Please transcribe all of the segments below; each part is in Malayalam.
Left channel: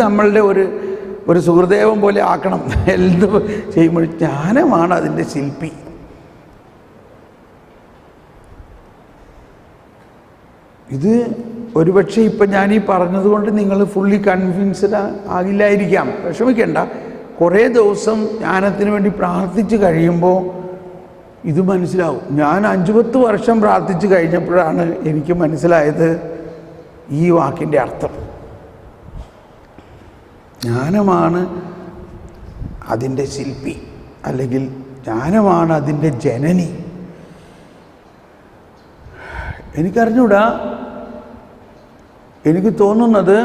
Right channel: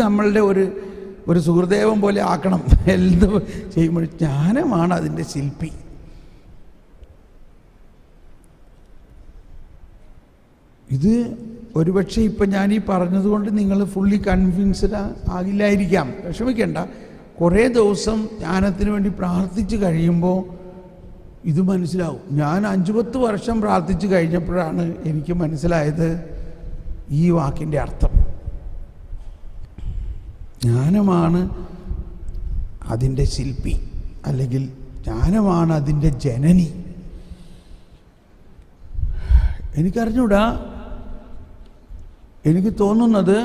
നമ്മളുടെ ഒരു സുഹൃദേവം പോലെ ആക്കണം. എന്ത് ചെയ്യുമ്പോൾ ജ്ഞാനമാണ് അതിൻ്റെ ശില്പി. ഇത് ഒരുപക്ഷെ ഇപ്പം ഞാനീ പറഞ്ഞതുകൊണ്ട് നിങ്ങൾ ഫുള്ളി കൺവിൻസ്ഡ് ആകില്ലായിരിക്കാം. വിഷമിക്കേണ്ട. കുറേ ദിവസം ജ്ഞാനത്തിന് വേണ്ടി പ്രാർത്ഥിച്ച് കഴിയുമ്പോൾ ഇത് മനസ്സിലാവും. ഞാൻ 5-10 വർഷം പ്രാർത്ഥിച്ച് കഴിഞ്ഞപ്പോഴാണ് എനിക്ക് മനസ്സിലായത് ഈ വാക്കിൻ്റെ അർത്ഥം. ജ്ഞാനമാണ് അതിൻ്റെ ശില്പി, അല്ലെങ്കിൽ ജ്ഞാനമാണ് അതിൻ്റെ ജനനി. എനിക്കറിഞ്ഞൂടാ, എനിക്ക് തോന്നുന്നത്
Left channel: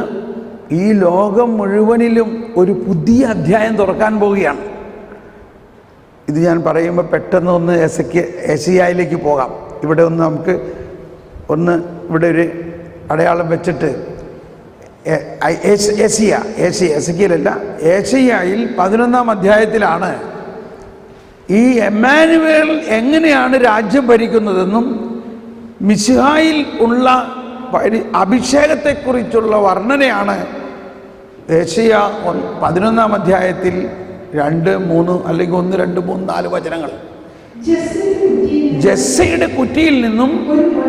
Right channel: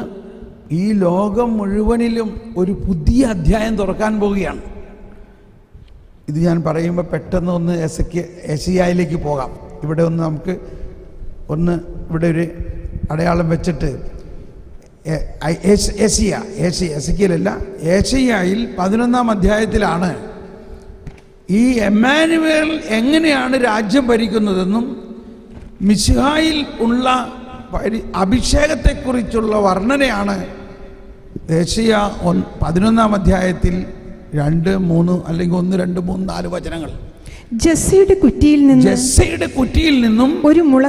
ഈ ലോകം മുഴുവനിലും ഒരു പുതിയ അധ്യായം തുറക്കാൻ പോവുകയാണ്. ഇത് ഞാൻ പറയുമ്പോൾ പെട്ടെന്ന് ഒന്ന് ഏശയ്യായിലേക്ക് പോകാം. ഇവിടെ ഒന്ന് നമുക്ക് ഇവിടെ ഒരു അടയാളം വെച്ചിട്ട് എസെക്കിയേലല്ല, ഏശയ്യായിൽ 11-ാം അധ്യായത്തിലാണ് ഈ എമ്മാനുവേൽ എങ്ങനെയാണ് രാജ്യം ഭരിക്കുന്നതെന്നും മിശിഹായിൽ ഉള്ള അഭിഷേകത്തെക്കുറിച്ചുള്ള വർണ്ണനയാണ് ഏശയ്യാ 11-ാം അധ്യായത്തിൽ 2, 3 അല്ലെങ്കിൽ 1, 2, 3, 4 വചനങ്ങൾ. ജെസ്സയുടെ കുറ്റിയിൽ നിന്നും ഒരു മുള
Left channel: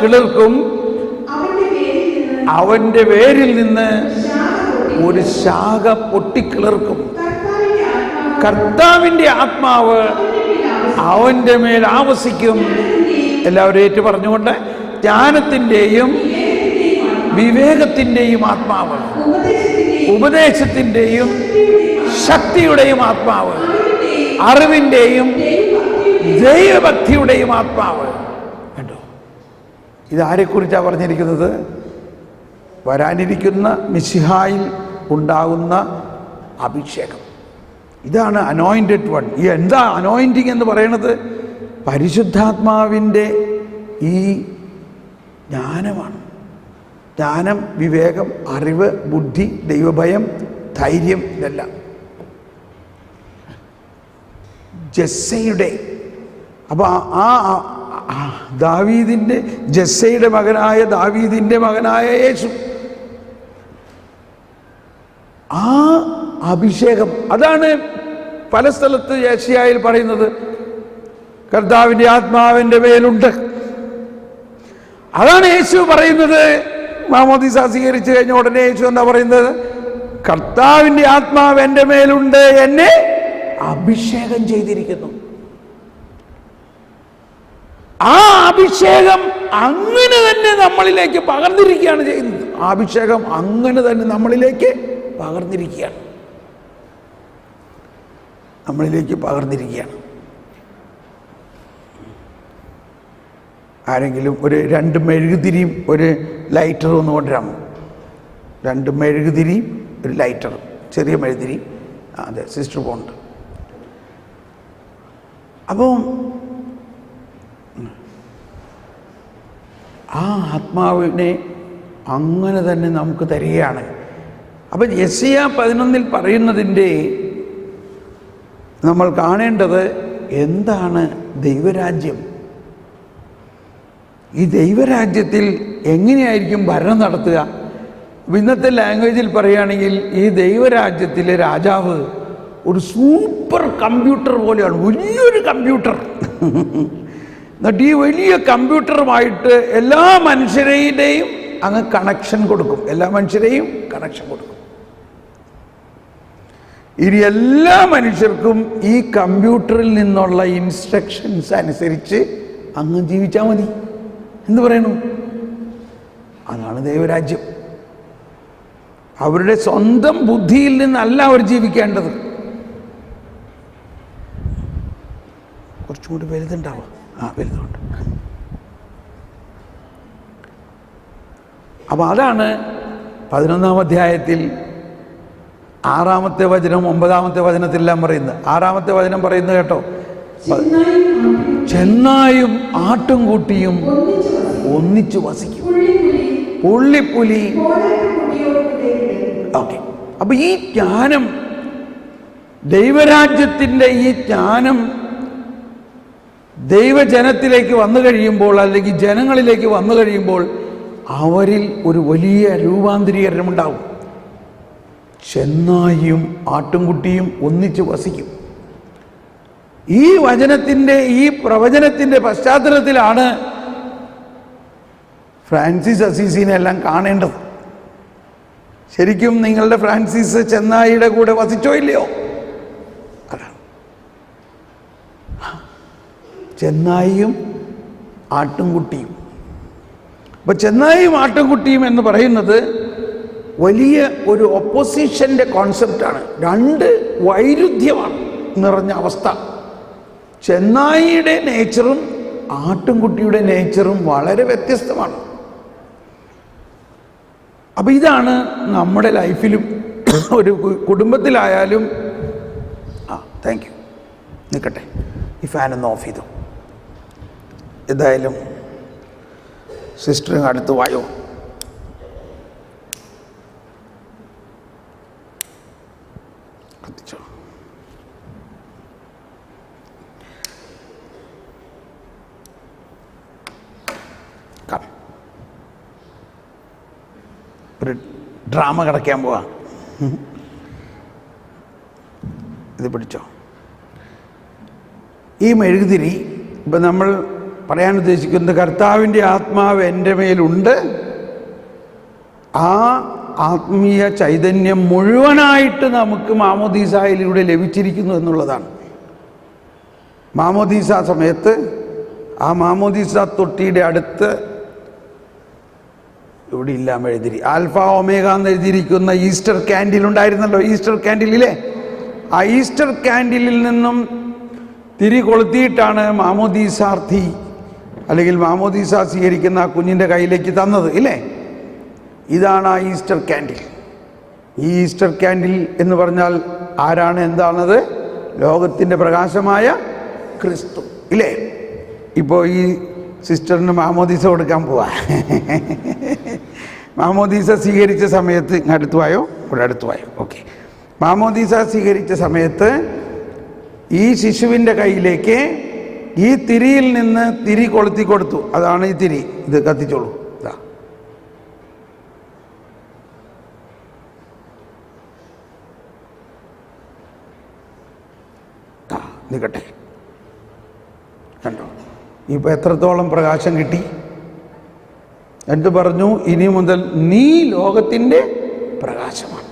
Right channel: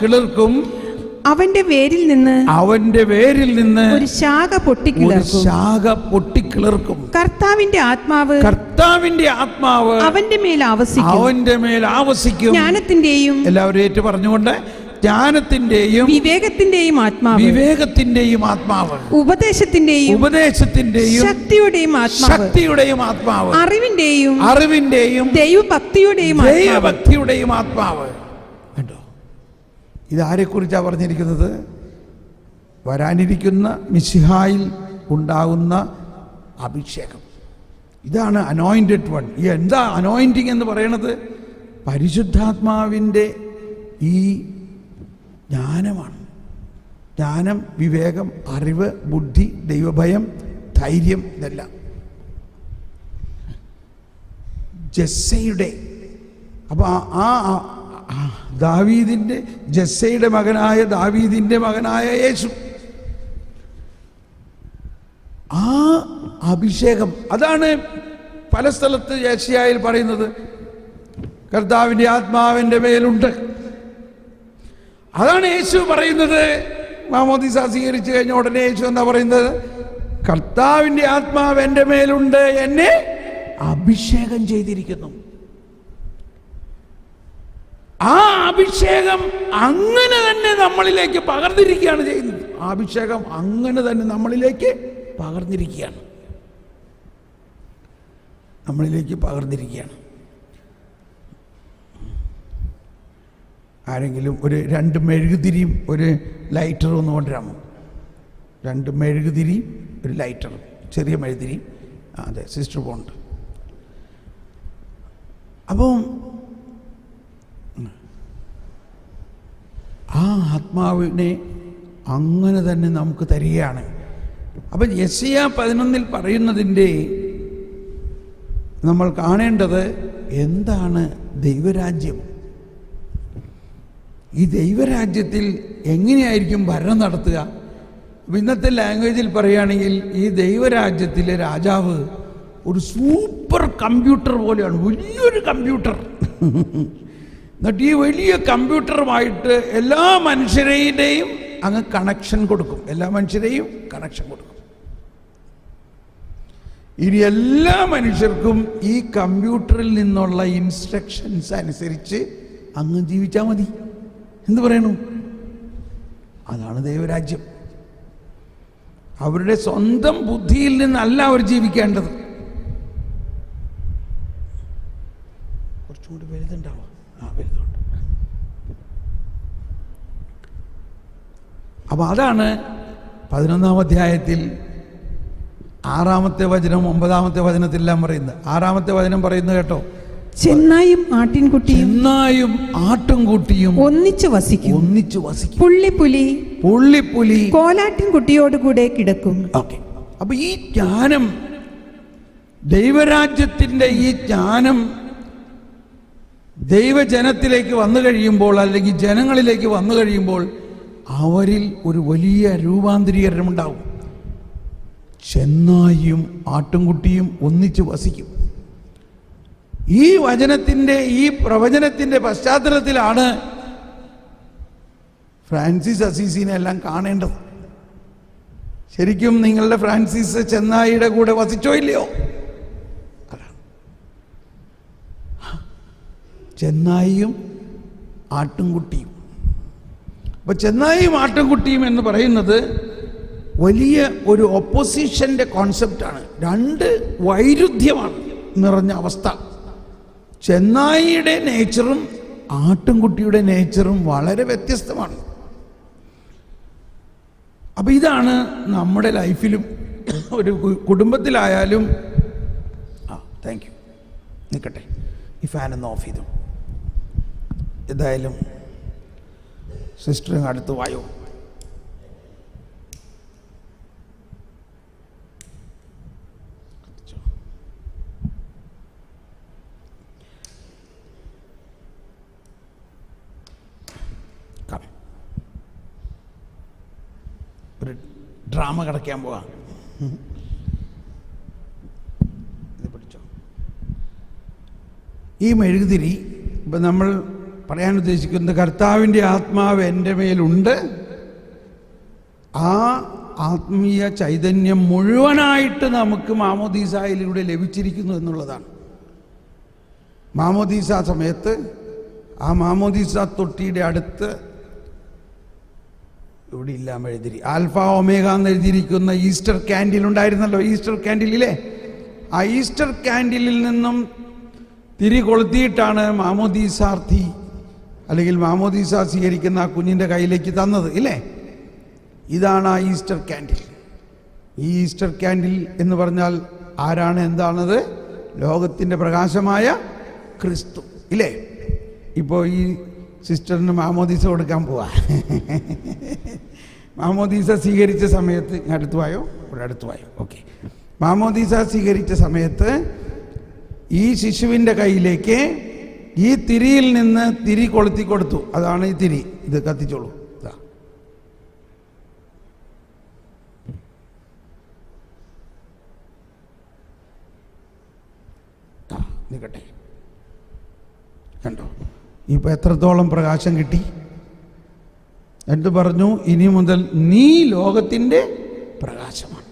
കിളിർക്കും, അവന്റെ വേരിൽ നിന്ന് ഒരു ശാഖ പൊട്ടിക്കിളിർക്കും. കർത്താവിന്റെ ആത്മാവ് അവന്റെ മേൽ ആവസിക്കും. എല്ലാവരും ഏറ്റു പറഞ്ഞുകൊണ്ട്, ജ്ഞാനത്തിന്റെയും വിവേകത്തിന്റെയും ആത്മാവ്, ഉപദേശത്തിന്റെയും ശക്തിയുടെയും ആത്മാവ്, അറിവിന്റെയും ദൈവഭക്തിയുടെയും ആത്മാവ്. കേട്ടോ, ഇതാരെക്കുറിച്ചാണ് പറഞ്ഞിരിക്കുന്നത്? വരാനിരിക്കുന്ന മിശിഹായിൽ ഉണ്ടാകുന്ന അഭിഷേകം. ഇതാണ് അനോയിന്റഡ് വൺ. ഈ എന്താ അനോയിന്റിങ് എന്ന് പറയുന്നത്? പരിശുദ്ധാത്മാവിൻ്റെ ഈ ജ്ഞാനമാണ്. ജ്ഞാനം, വിവേകം, അറിവ്, ബുദ്ധി, ദൈവഭയം, ധൈര്യം, ഇതെല്ലാം ജെസ്സയുടെ. അപ്പോൾ ദാവീദിൻ്റെ ജെസ്സയുടെ മകനായ ദാവീദിൻ്റെ മകനായ യേശു, ആ അഭിഷേകം അതാണ് പല സ്ഥലത്ത് യേശയ്യായിൽ പറയുന്നത്. കർത്താവിൻ്റെ ആത്മാവിൻ്റെ മേലുണ്ട്. അതാണ് യേശു പറയുന്നത്. മാമോദീസ സ്വീകരിച്ചു കഴിഞ്ഞ ഉടനെ യേശു എന്താ പറയുന്നത്? കർത്താവിൻ്റെ ആത്മാവ് എൻ്റെ മേലുണ്ട്, എന്നെ അഭിഷേകം ചെയ്തിരിക്കുന്നു. ആ അഭിഷേകം അങ്ങനെ തന്നെ നമ്മളിലേക്ക് പകർന്നിരിക്കുകയാണ് ചെയ്യുന്നത്. ആ അഭിഷേകം അങ്ങനെ തന്നെ നമ്മളിലേക്ക് പകർന്നിരിക്കുകയാണ്. ആരെങ്കിലും ഒരു 2 മെഴുകുതിരിയും ഒരു ലൈറ്ററും ഒന്ന് കൊണ്ടുവരാമോ? 2 മെഴുകുതിരിയും ഒരു ലൈറ്ററും, ചെറിയ മെഴുകുതിരി. അതെ, സിസ്റ്റർ പോണ്ട്. അപ്പോൾ ആ ആത്മാവിനെ അങ്ങനെ തന്നെ നമുക്ക് തരികയാണ്. അപ്പം യെശയ്യാ 11 പറയുന്നതിൻ്റെ നമ്മൾ കാണേണ്ടത് എന്താണ്? ദൈവരാജ്യം. ഈ ദൈവരാജ്യത്തിൽ എങ്ങനെയായിരിക്കും ഭരണം നടത്തുക? ഇന്നത്തെ ലാംഗ്വേജിൽ പറയുകയാണെങ്കിൽ ഈ ദൈവരാജ്യത്തിലെ രാജാവ് ഒരു സൂപ്പർ കമ്പ്യൂട്ടർ പോലെയാണ്, വലിയൊരു കമ്പ്യൂട്ടർ. എന്നിട്ട് ഈ വലിയ കമ്പ്യൂട്ടറുമായിട്ട് എല്ലാ മനുഷ്യരെയും അങ്ങ് കണക്ഷൻ കൊടുക്കും. ഇനി എല്ലാ മനുഷ്യർക്കും ഈ കമ്പ്യൂട്ടറിൽ നിന്നുള്ള ഇൻസ്ട്രക്ഷൻസ് അനുസരിച്ച് അങ്ങ് ജീവിച്ചാൽ മതി എന്ന് പറയുന്നു. അതാണ് ദൈവരാജ്യം. അവരുടെ സ്വന്തം ബുദ്ധിയിൽ നിന്നല്ല അവർ ജീവിക്കേണ്ടത്. കുറച്ചും കൂടി വലുതുണ്ടാവാം. വലുതുണ്ട്. അപ്പോൾ അതാണ് 11-ാം അധ്യായത്തിൽ 6-ാമത്തെ വചനം 9-ാമത്തെ വചനത്തിലെല്ലാം പറയുന്നത്. 6-ാമത്തെ വചനം പറയുന്നത് കേട്ടോ, ചെന്നായും ആട്ടുംകുട്ടിയും ഒന്നിച്ചു വസിക്കും. പുള്ളിപ്പുലി കോലാട്ടുകുട്ടിയോടുകൂടെ കിടക്കും. ഓക്കെ. അപ്പൊ ഈ ജ്ഞാനം, ദൈവരാജ്യത്തിൻ്റെ ഈ ജ്ഞാനം ദൈവജനത്തിലേക്ക് വന്നു കഴിയുമ്പോൾ, അല്ലെങ്കിൽ ജനങ്ങളിലേക്ക് വന്നു കഴിയുമ്പോൾ അവരിൽ ഒരു വലിയ രൂപാന്തരീകരണമുണ്ടാവും. ചെന്നായിയും ആട്ടുംകുട്ടിയും ഒന്നിച്ച് വസിക്കും. ഈ വചനത്തിൻ്റെ, ഈ പ്രവചനത്തിൻ്റെ പശ്ചാത്തലത്തിലാണ് ഫ്രാൻസിസ് അസീസിനെ എല്ലാം കാണേണ്ടത്. ശരിക്കും നിങ്ങളുടെ ഫ്രാൻസിസ് ചെന്നായിയുടെ കൂടെ വസിച്ചോ ഇല്ലയോ? അതാണ് ചെന്നായിയും ആട്ടുംകുട്ടിയും. അപ്പോൾ ചെന്നായിയും ആട്ടുംകുട്ടിയും എന്ന് പറയുന്നത് വലിയ ഒരു ഒപ്പോസിഷൻ്റെ കോൺസെപ്റ്റാണ്. രണ്ട് വൈരുദ്ധ്യമാണ് നിറഞ്ഞ അവസ്ഥ. ചെന്നായിയുടെ നേച്ചറും ആട്ടുംകുട്ടിയുടെ നേച്ചറും വളരെ വ്യത്യസ്തമാണ്. അപ്പോൾ ഇതാണ് നമ്മുടെ ലൈഫിലും, ഒരു കുടുംബത്തിലായാലും. താങ്ക് യു, നിൽക്കട്ടെ, ഈ ഫാനൊന്ന് ഓഫ് ചെയ്തു. ഏതായാലും സിസ്റ്ററിന് അടുത്ത് വായോ. കത്തിച്ചോ. ഒരു ഡ്രാമ കിടക്കാൻ പോവാ. ഇത് പിടിച്ചോ. ഈ മെഴുകുതിരി ഇപ്പം നമ്മൾ പറയാൻ ഉദ്ദേശിക്കുന്നത്, കർത്താവിൻ്റെ ആത്മാവ് എൻ്റെ മേലുണ്ട്, ആ ആത്മീയ ചൈതന്യം മുഴുവനായിട്ട് നമുക്ക് മാമോദീസായിലൂടെ ലഭിച്ചിരിക്കുന്നു എന്നുള്ളതാണ്. മാമോദീസ സമയത്ത് ആ മാമോദീസ തൊട്ടിയുടെ അടുത്ത് ഇവിടെ ഇല്ല മെഴുതിരി, ആൽഫ ഒമേഗ എന്ന് എഴുതിയിരിക്കുന്ന ഈസ്റ്റർ ക്യാൻഡിൽ ഉണ്ടായിരുന്നല്ലോ. ഈസ്റ്റർ ക്യാൻഡിലിലെ ആ ഈസ്റ്റർ ക്യാൻഡിലിൽ നിന്നും തിരി കൊളുത്തിയിട്ടാണ് മാമോദീസാർത്ഥി അല്ലെങ്കിൽ മാമോദീസ സ്വീകരിക്കുന്ന ആ കുഞ്ഞിൻ്റെ കയ്യിലേക്ക് തന്നത് ഇല്ലേ? ഇതാണ് ആ ഈസ്റ്റർ ക്യാൻഡിൽ. ഈ ഈസ്റ്റർ ക്യാൻഡിൽ എന്ന് പറഞ്ഞാൽ ആരാണ്, എന്താണത്? ലോകത്തിൻ്റെ പ്രകാശമായ ക്രിസ്തു ഇല്ലേ? ഇപ്പോൾ ഈ സിസ്റ്ററിന് മാമോദീസ കൊടുക്കാൻ പോവാ. മാമോദീസ സ്വീകരിച്ച സമയത്ത് അടുത്ത് വായോ, ഇവിടെ അടുത്ത് വായോ. ഓക്കെ. മാമോദീസ സ്വീകരിച്ച സമയത്ത് ഈ ശിശുവിൻ്റെ കയ്യിലേക്ക് ഈ തിരിയിൽ നിന്ന് തിരി കൊളുത്തി കൊടുത്തു. അതാണ് ഈ തിരി. ഇത് കത്തിച്ചോളൂ. ഇതാ, നിൽക്കട്ടെ. കണ്ടോ ഇപ്പോൾ എത്രത്തോളം പ്രകാശം കിട്ടി? എന്നിട്ട് പറഞ്ഞു, ഇനി മുതൽ നീ ലോകത്തിൻ്റെ പ്രകാശമാണ്.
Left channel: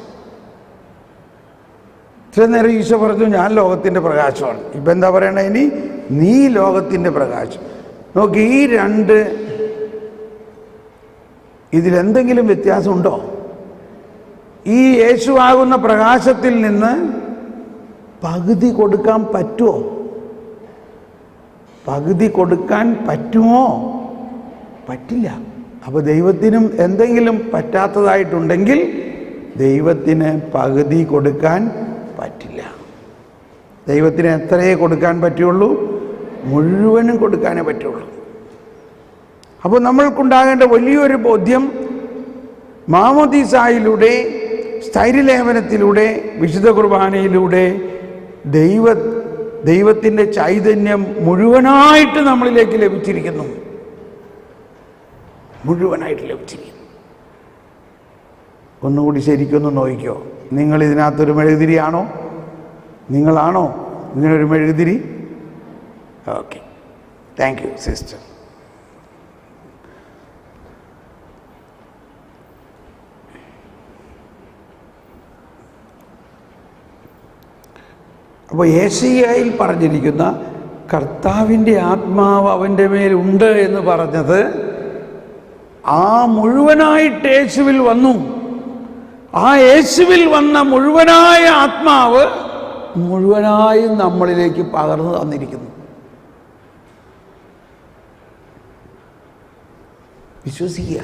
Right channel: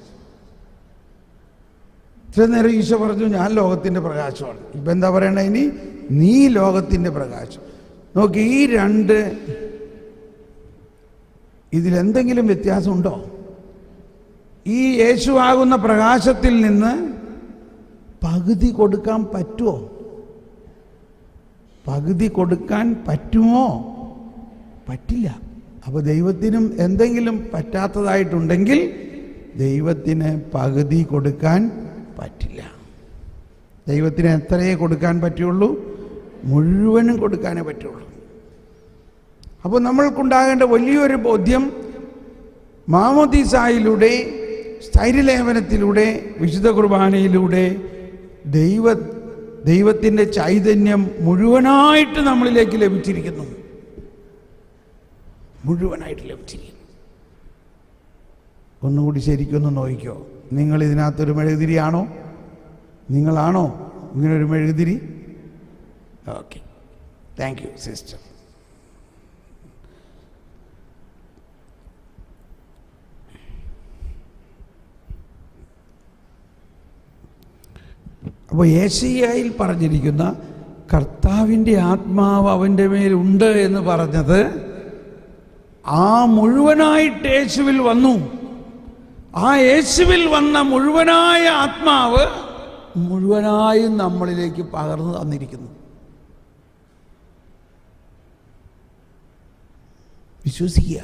ഇത്ര നേരം ഈശോ പറഞ്ഞു ഞാൻ ലോകത്തിൻ്റെ പ്രകാശമാണ്. ഇപ്പം എന്താ പറയണേ? ഇനി നീ ലോകത്തിൻ്റെ പ്രകാശം. നോക്കി, ഈ രണ്ട് ഇതിലെന്തെങ്കിലും വ്യത്യാസമുണ്ടോ? ഈ യേശുവാകുന്ന പ്രകാശത്തിൽ നിന്ന് പകുതി കൊടുക്കാൻ പറ്റുമോ? പകുതി കൊടുക്കാൻ പറ്റുമോ? പറ്റില്ല. അപ്പോൾ ദൈവത്തിനും എന്തെങ്കിലും പറ്റാത്തതായിട്ടുണ്ടെങ്കിൽ ദൈവത്തിന് പകുതി കൊടുക്കാൻ പറ്റില്ല. ദൈവത്തിന് എത്രയേ കൊടുക്കാൻ പറ്റുള്ളൂ? മുഴുവനും കൊടുക്കാനേ പറ്റുള്ളൂ. അപ്പോൾ നമ്മൾക്കുണ്ടാകേണ്ട വലിയൊരു ബോധ്യം, മാമോദീസായിലൂടെ, സ്ഥൈര്യലേപനത്തിലൂടെ, വിശുദ്ധ കുർബാനയിലൂടെ ദൈവത്തിൻ്റെ ചൈതന്യം മുഴുവനായിട്ട് നമ്മളിലേക്ക് ലഭിച്ചിരിക്കുന്നു. മുഴുവനായിട്ട് ലഭിച്ചിരിക്കുന്നു. ഒന്നുകൂടി ശരിക്കൊന്ന് നോക്കിക്കോ. നിങ്ങൾ ഇതിനകത്തൊരു മെഴുകുതിരിയാണോ? നിങ്ങളാണോ ഇങ്ങനൊരു മെഴുകുതിരി? Okay, thank you sister. അപ്പോൾ യേശയ്യായിൽ പറഞ്ഞിരിക്കുന്ന കർത്താവിൻ്റെ ആത്മാവ് അവൻ്റെ മേലുണ്ട് എന്ന് പറഞ്ഞത് ആ മുഴുവനായിട്ട് യേശുവിൽ വന്നു. ആ യേശുവിൽ വന്ന മുഴുവനായ ആത്മാവ് മുഴുവനായും നമ്മളിലേക്ക് പകർന്നു തന്നിരിക്കുന്നു. വിശ്വസിക്കുക,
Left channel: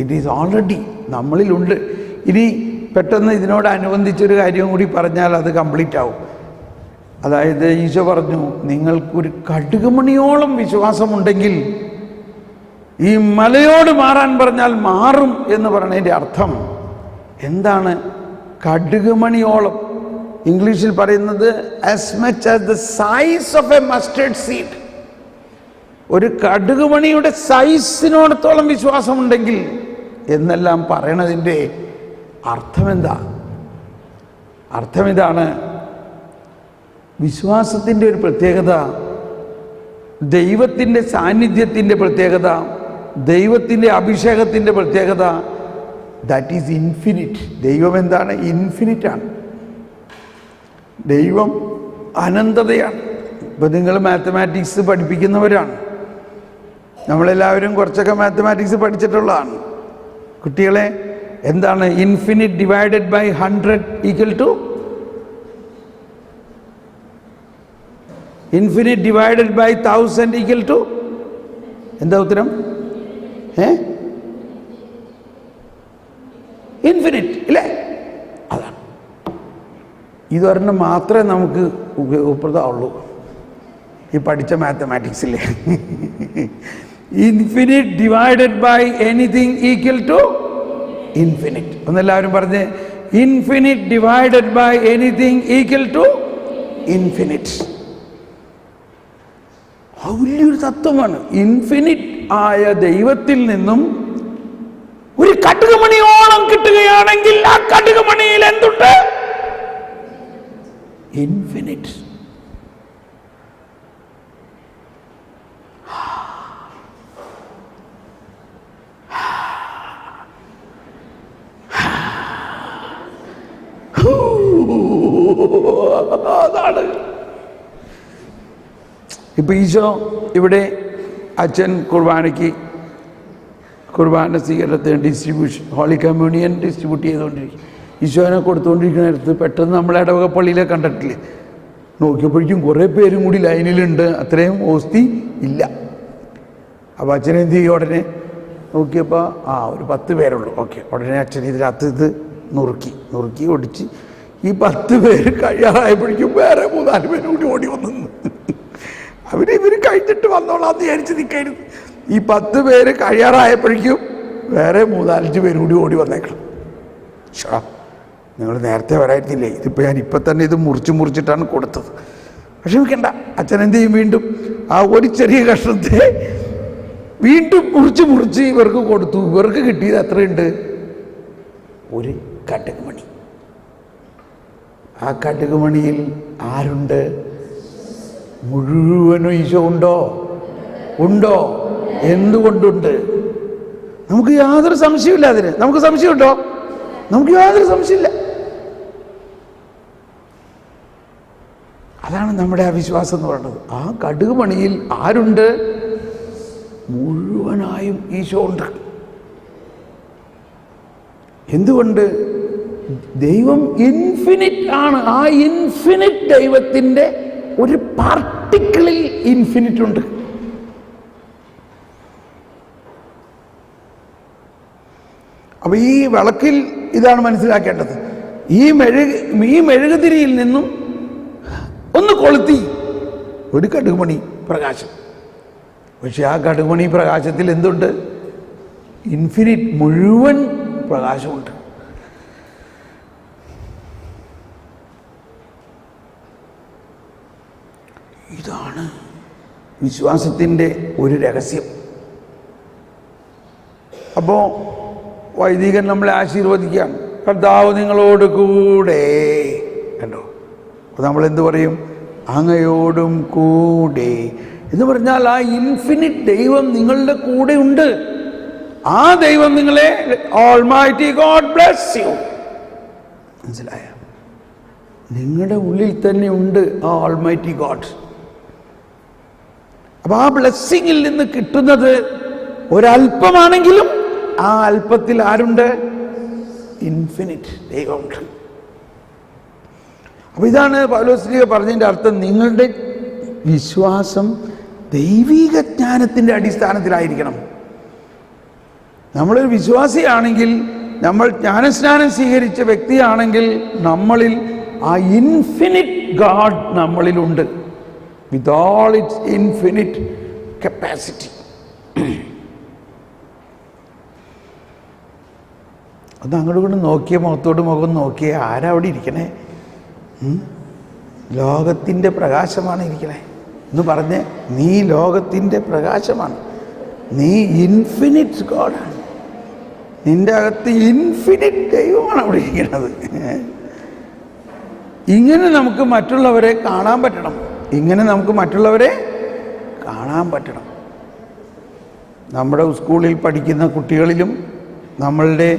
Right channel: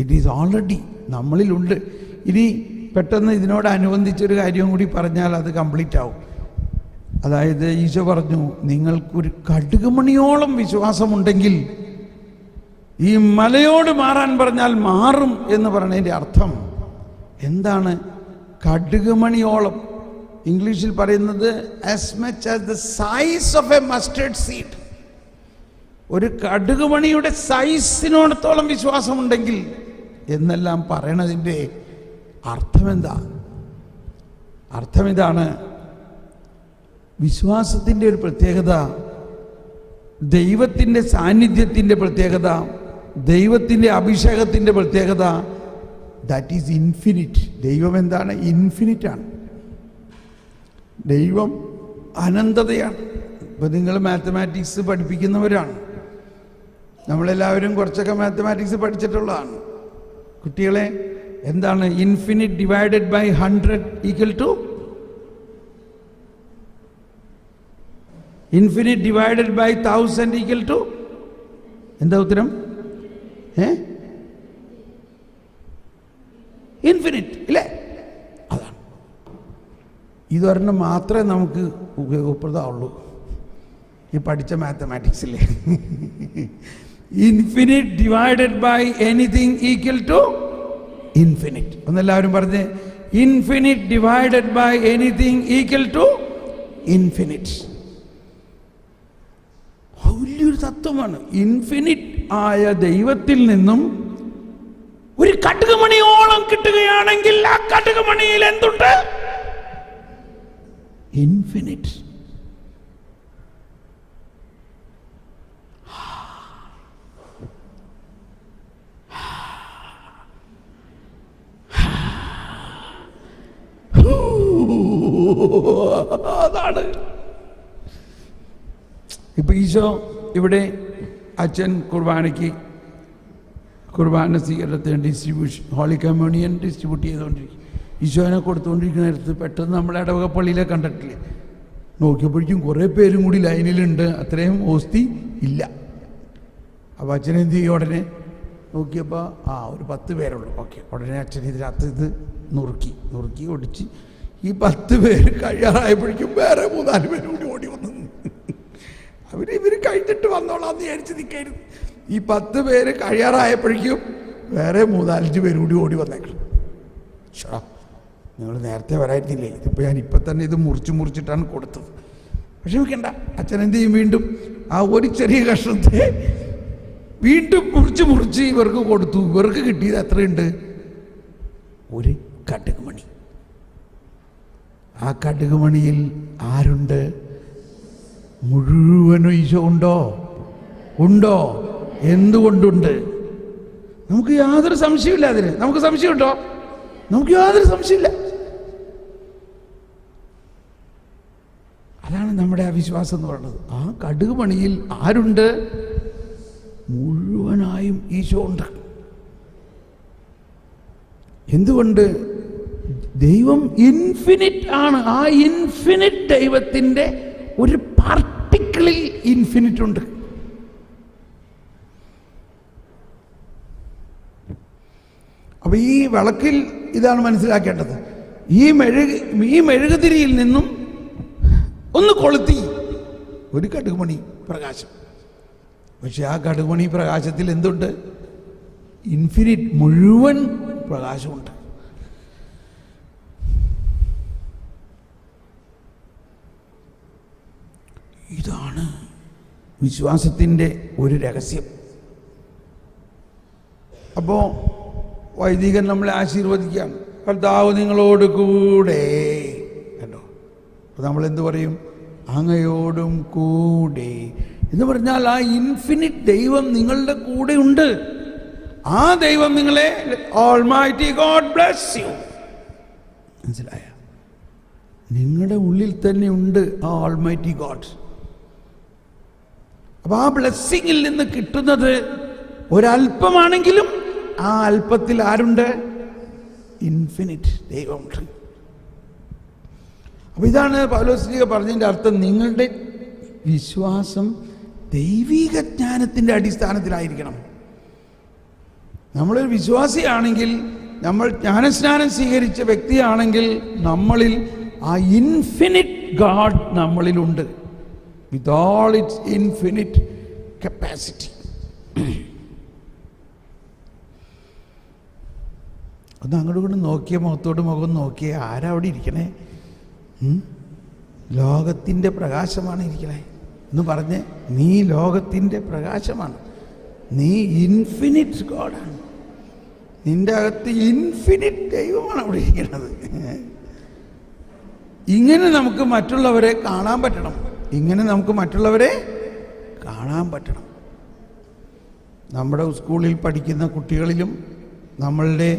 ഇറ്റ് ഈസ് ഓൾറെഡി നമ്മളിലുണ്ട്. ഇനി പെട്ടെന്ന് ഇതിനോടനുബന്ധിച്ചൊരു കാര്യം കൂടി പറഞ്ഞാൽ അത് കംപ്ലീറ്റ് ആവും. അതായത് ഈശോ പറഞ്ഞു, നിങ്ങൾക്കൊരു കടുകുമണിയോളം വിശ്വാസമുണ്ടെങ്കിൽ ഈ മലയോട് മാറാൻ പറഞ്ഞാൽ മാറും എന്ന് പറയുന്നതിൻ്റെ അർത്ഥം എന്താണ്? കടുകുമണിയോളം, ഇംഗ്ലീഷിൽ പറയുന്നത് as much as the size of A mustard seed. ഒരു കടുകുമണിയുടെ സൈസിനോടത്തോളം വിശ്വാസമുണ്ടെങ്കിൽ എന്നെല്ലാം പറയണതിൻ്റെ അർത്ഥം എന്താ? അർത്ഥം ഇതാണ്, വിശ്വാസത്തിൻ്റെ ഒരു പ്രത്യേകത, ദൈവത്തിൻ്റെ സാന്നിധ്യത്തിൻ്റെ പ്രത്യേകത, ദൈവത്തിൻ്റെ അഭിഷേകത്തിൻ്റെ പ്രത്യേകത, ദാറ്റ് ഈസ് ഇൻഫിനിറ്റ്. ദൈവം എന്താണ്? ഇൻഫിനിറ്റാണ്. ദൈവം അനന്തതയാണ്. ഇപ്പോൾ നിങ്ങൾ മാത്തമാറ്റിക്സ് പഠിപ്പിക്കുന്നവരാണ്, നമ്മളെല്ലാവരും കുറച്ചൊക്കെ മാത്തമാറ്റിക്സ് പഠിച്ചിട്ടുള്ളതാണ്. കുട്ടികളെ, എന്താണ് infinite divided by 100 equal to? Infinite divided by 1000 equal to? എന്താ ഉത്തരം? ഇൻഫിനിറ്റ് ഇല്ലേ? അതാണ്. ഇതൊരെണ്ണം മാത്രമേ നമുക്ക് ഉപയോഗപ്രദമുള്ളൂ ഈ പഠിച്ച മാത്തമാറ്റിക്സിലെ. Infinite divided by anything equal to infinite. ഒന്നെല്ലാവരും പറഞ്ഞ്, infinite divided by anything equal to infinite. വലിയൊരു തത്വമാണ്. ഇൻഫിനിറ്റ് ആയ ദൈവത്തിൽ നിന്നും ഒരു കടുകുമണിയോളം കിട്ടുകയാണെങ്കിൽ ആ കടുകുമണിയിൽ എന്തുണ്ട്? ഇൻഫിനിറ്റ്. അതാണ്. ഇപ്പൊ ഈശോ ഇവിടെ അച്ഛൻ കുർബാന സ്വീകരണത്തിന് ഡിസ്ട്രിബ്യൂഷൻ, ഹോളി കമ്മ്യൂണിയൻ ഡിസ്ട്രിബ്യൂട്ട് ചെയ്തുകൊണ്ടിരിക്കും. ഈശോനെ കൊടുത്തുകൊണ്ടിരിക്കുന്ന നേരത്ത് പെട്ടെന്ന് നമ്മളെ ഇടവക പള്ളിയിലെ കണ്ടിട്ടില്ലേ, നോക്കിയപ്പോഴേക്കും കുറേ പേരും കൂടി ലൈനിലുണ്ട്. അത്രയും ഓസ്തി ഇല്ല. അപ്പോൾ അച്ഛൻ എന്ത് ചെയ്യും? ഉടനെ നോക്കിയപ്പോൾ ഒരു 10 പേരുള്ളൂ. ഓക്കെ, ഉടനെ അച്ഛൻ ഇതിനകത്ത് ഇത് നുറുക്കി ഒടിച്ച് ഈ 10 പേര് കഴിയാറായപ്പോഴേക്കും വേറെ 3-4 പേര് കൂടി ഓടി വന്നു. ഇവർ കഴിഞ്ഞിട്ട് വന്നോളാന്ന് വിചാരിച്ച് നിൽക്കരുത്. ഈ 10 പേര് കഴിയാറായപ്പോഴേക്കും വേറെ 3-5 പേര് കൂടി ഓടി വന്നേക്കണം. നിങ്ങൾ നേരത്തെ വരായിരുന്നില്ലേ? ഇതിപ്പോൾ ഞാൻ ഇപ്പം തന്നെ ഇത് മുറിച്ചിട്ടാണ് കൊടുത്തത്. വിഷമിക്കണ്ട. അച്ഛൻ എന്ത് ചെയ്യും? വീണ്ടും ആ ഒരു ചെറിയ കഷ്ണത്തെ വീണ്ടും മുറിച്ച് ഇവർക്ക് കൊടുത്തു. ഇവർക്ക് കിട്ടിയത് എത്രയുണ്ട്? ഒരു കടുകുമണി. ആ കടുകുമണിയിൽ ആരുണ്ട്? മുഴുവനും ഈശോ ഉണ്ടോ? എന്തുകൊണ്ടുണ്ട്? നമുക്ക് യാതൊരു സംശയമില്ല അതിന്. നമുക്ക് സംശയമുണ്ടോ? നമുക്ക് യാതൊരു സംശയമില്ല. അതാണ് നമ്മുടെ അവിശ്വാസം എന്ന് പറയുന്നത്. ആ കടുകുമണിയിൽ ആരുണ്ട്? മുഴുവനായും ഈശോ ഉണ്ട്. എന്തുകൊണ്ട്? ദൈവം ഇൻഫിനിറ്റ് ആണ്. ആ ഇൻഫിനിറ്റ് ദൈവത്തിൻ്റെ ഒരു പാർട്ടിക്കിളിൽ ഇൻഫിനിറ്റ് ഉണ്ട്. അപ്പോൾ ഈ വിളക്കിൽ ഇതാണ് മനസ്സിലാക്കേണ്ടത്. ഈ മെഴുകുതിരിയിൽ നിന്നും ഒന്ന് കൊളുത്തി ഒരു കടുകുമണി പ്രകാശം. പക്ഷെ ആ കടുകുമണി പ്രകാശത്തിൽ എന്തുണ്ട്? ഇൻഫിനിറ്റ് മുഴുവൻ പ്രകാശമുണ്ട്. ഇതാണ് വിശ്വാസത്തിൻ്റെ ഒരു രഹസ്യം. അപ്പോൾ വൈദികൻ നമ്മളെ ആശീർവദിക്കുകയാണ്. കർത്താവ് നിങ്ങളോട് കൂടെ. കണ്ടോ? അപ്പോൾ നമ്മളെന്ത് പറയും? അങ്ങയോടും കൂടെ എന്ന് പറഞ്ഞാൽ ആ ഇൻഫിനിറ്റ് ദൈവം നിങ്ങളുടെ കൂടെ ഉണ്ട്. ആ ദൈവം നിങ്ങളെ, ഓൾമൈറ്റി ഗോഡ് ബ്ലെസ് യു. മനസ്സിലായ? നിങ്ങളുടെ ഉള്ളിൽ തന്നെ ഉണ്ട് ആ ഓൾമൈറ്റി ഗോഡ്. അപ്പോൾ ആ ബ്ലെസ്സിങ്ങിൽ നിന്ന് കിട്ടുന്നത് ഒരല്പമാണെങ്കിലും ആ അല്പത്തിൽ ആരുണ്ട്? ഇൻഫിനിറ്റ് ദൈവമുണ്ട്. അപ്പോൾ ഇതാണ് പൗലോസ് പറഞ്ഞതിൻ്റെ അർത്ഥം. നിങ്ങളുടെ വിശ്വാസം ദൈവിക ജ്ഞാനത്തിൻ്റെ അടിസ്ഥാനത്തിലായിരിക്കണം. നമ്മളൊരു വിശ്വാസിയാണെങ്കിൽ, നമ്മൾ ജ്ഞാനസ്നാനം സ്വീകരിച്ച വ്യക്തിയാണെങ്കിൽ, നമ്മളിൽ ആ ഇൻഫിനിറ്റ് ഗാഡ് നമ്മളിലുണ്ട്, with all its infinite capacity. ഒന്ന് അങ്ങോട്ട് കൊണ്ട് നോക്കിയ, മുഖത്തോട് മുഖം നോക്കിയ, ആരാ അവിടെ ഇരിക്കണേ? ലോകത്തിൻ്റെ പ്രകാശമാണ് ഇരിക്കണേ എന്ന് പറഞ്ഞ്, നീ ലോകത്തിൻ്റെ പ്രകാശമാണ്. നീ ഇൻഫിനിറ്റ് ഗോഡാണ്. നിൻ്റെ അകത്ത് ഇൻഫിനിറ്റ് ദൈവമാണ് അവിടെ ഇരിക്കുന്നത്. ഇങ്ങനെ നമുക്ക് മറ്റുള്ളവരെ കാണാൻ പറ്റണം. ഇങ്ങനെ നമുക്ക് മറ്റുള്ളവരെ കാണാൻ പറ്റണം. നമ്മുടെ സ്കൂളിൽ പഠിക്കുന്ന കുട്ടികളിലും നമ്മളുടെ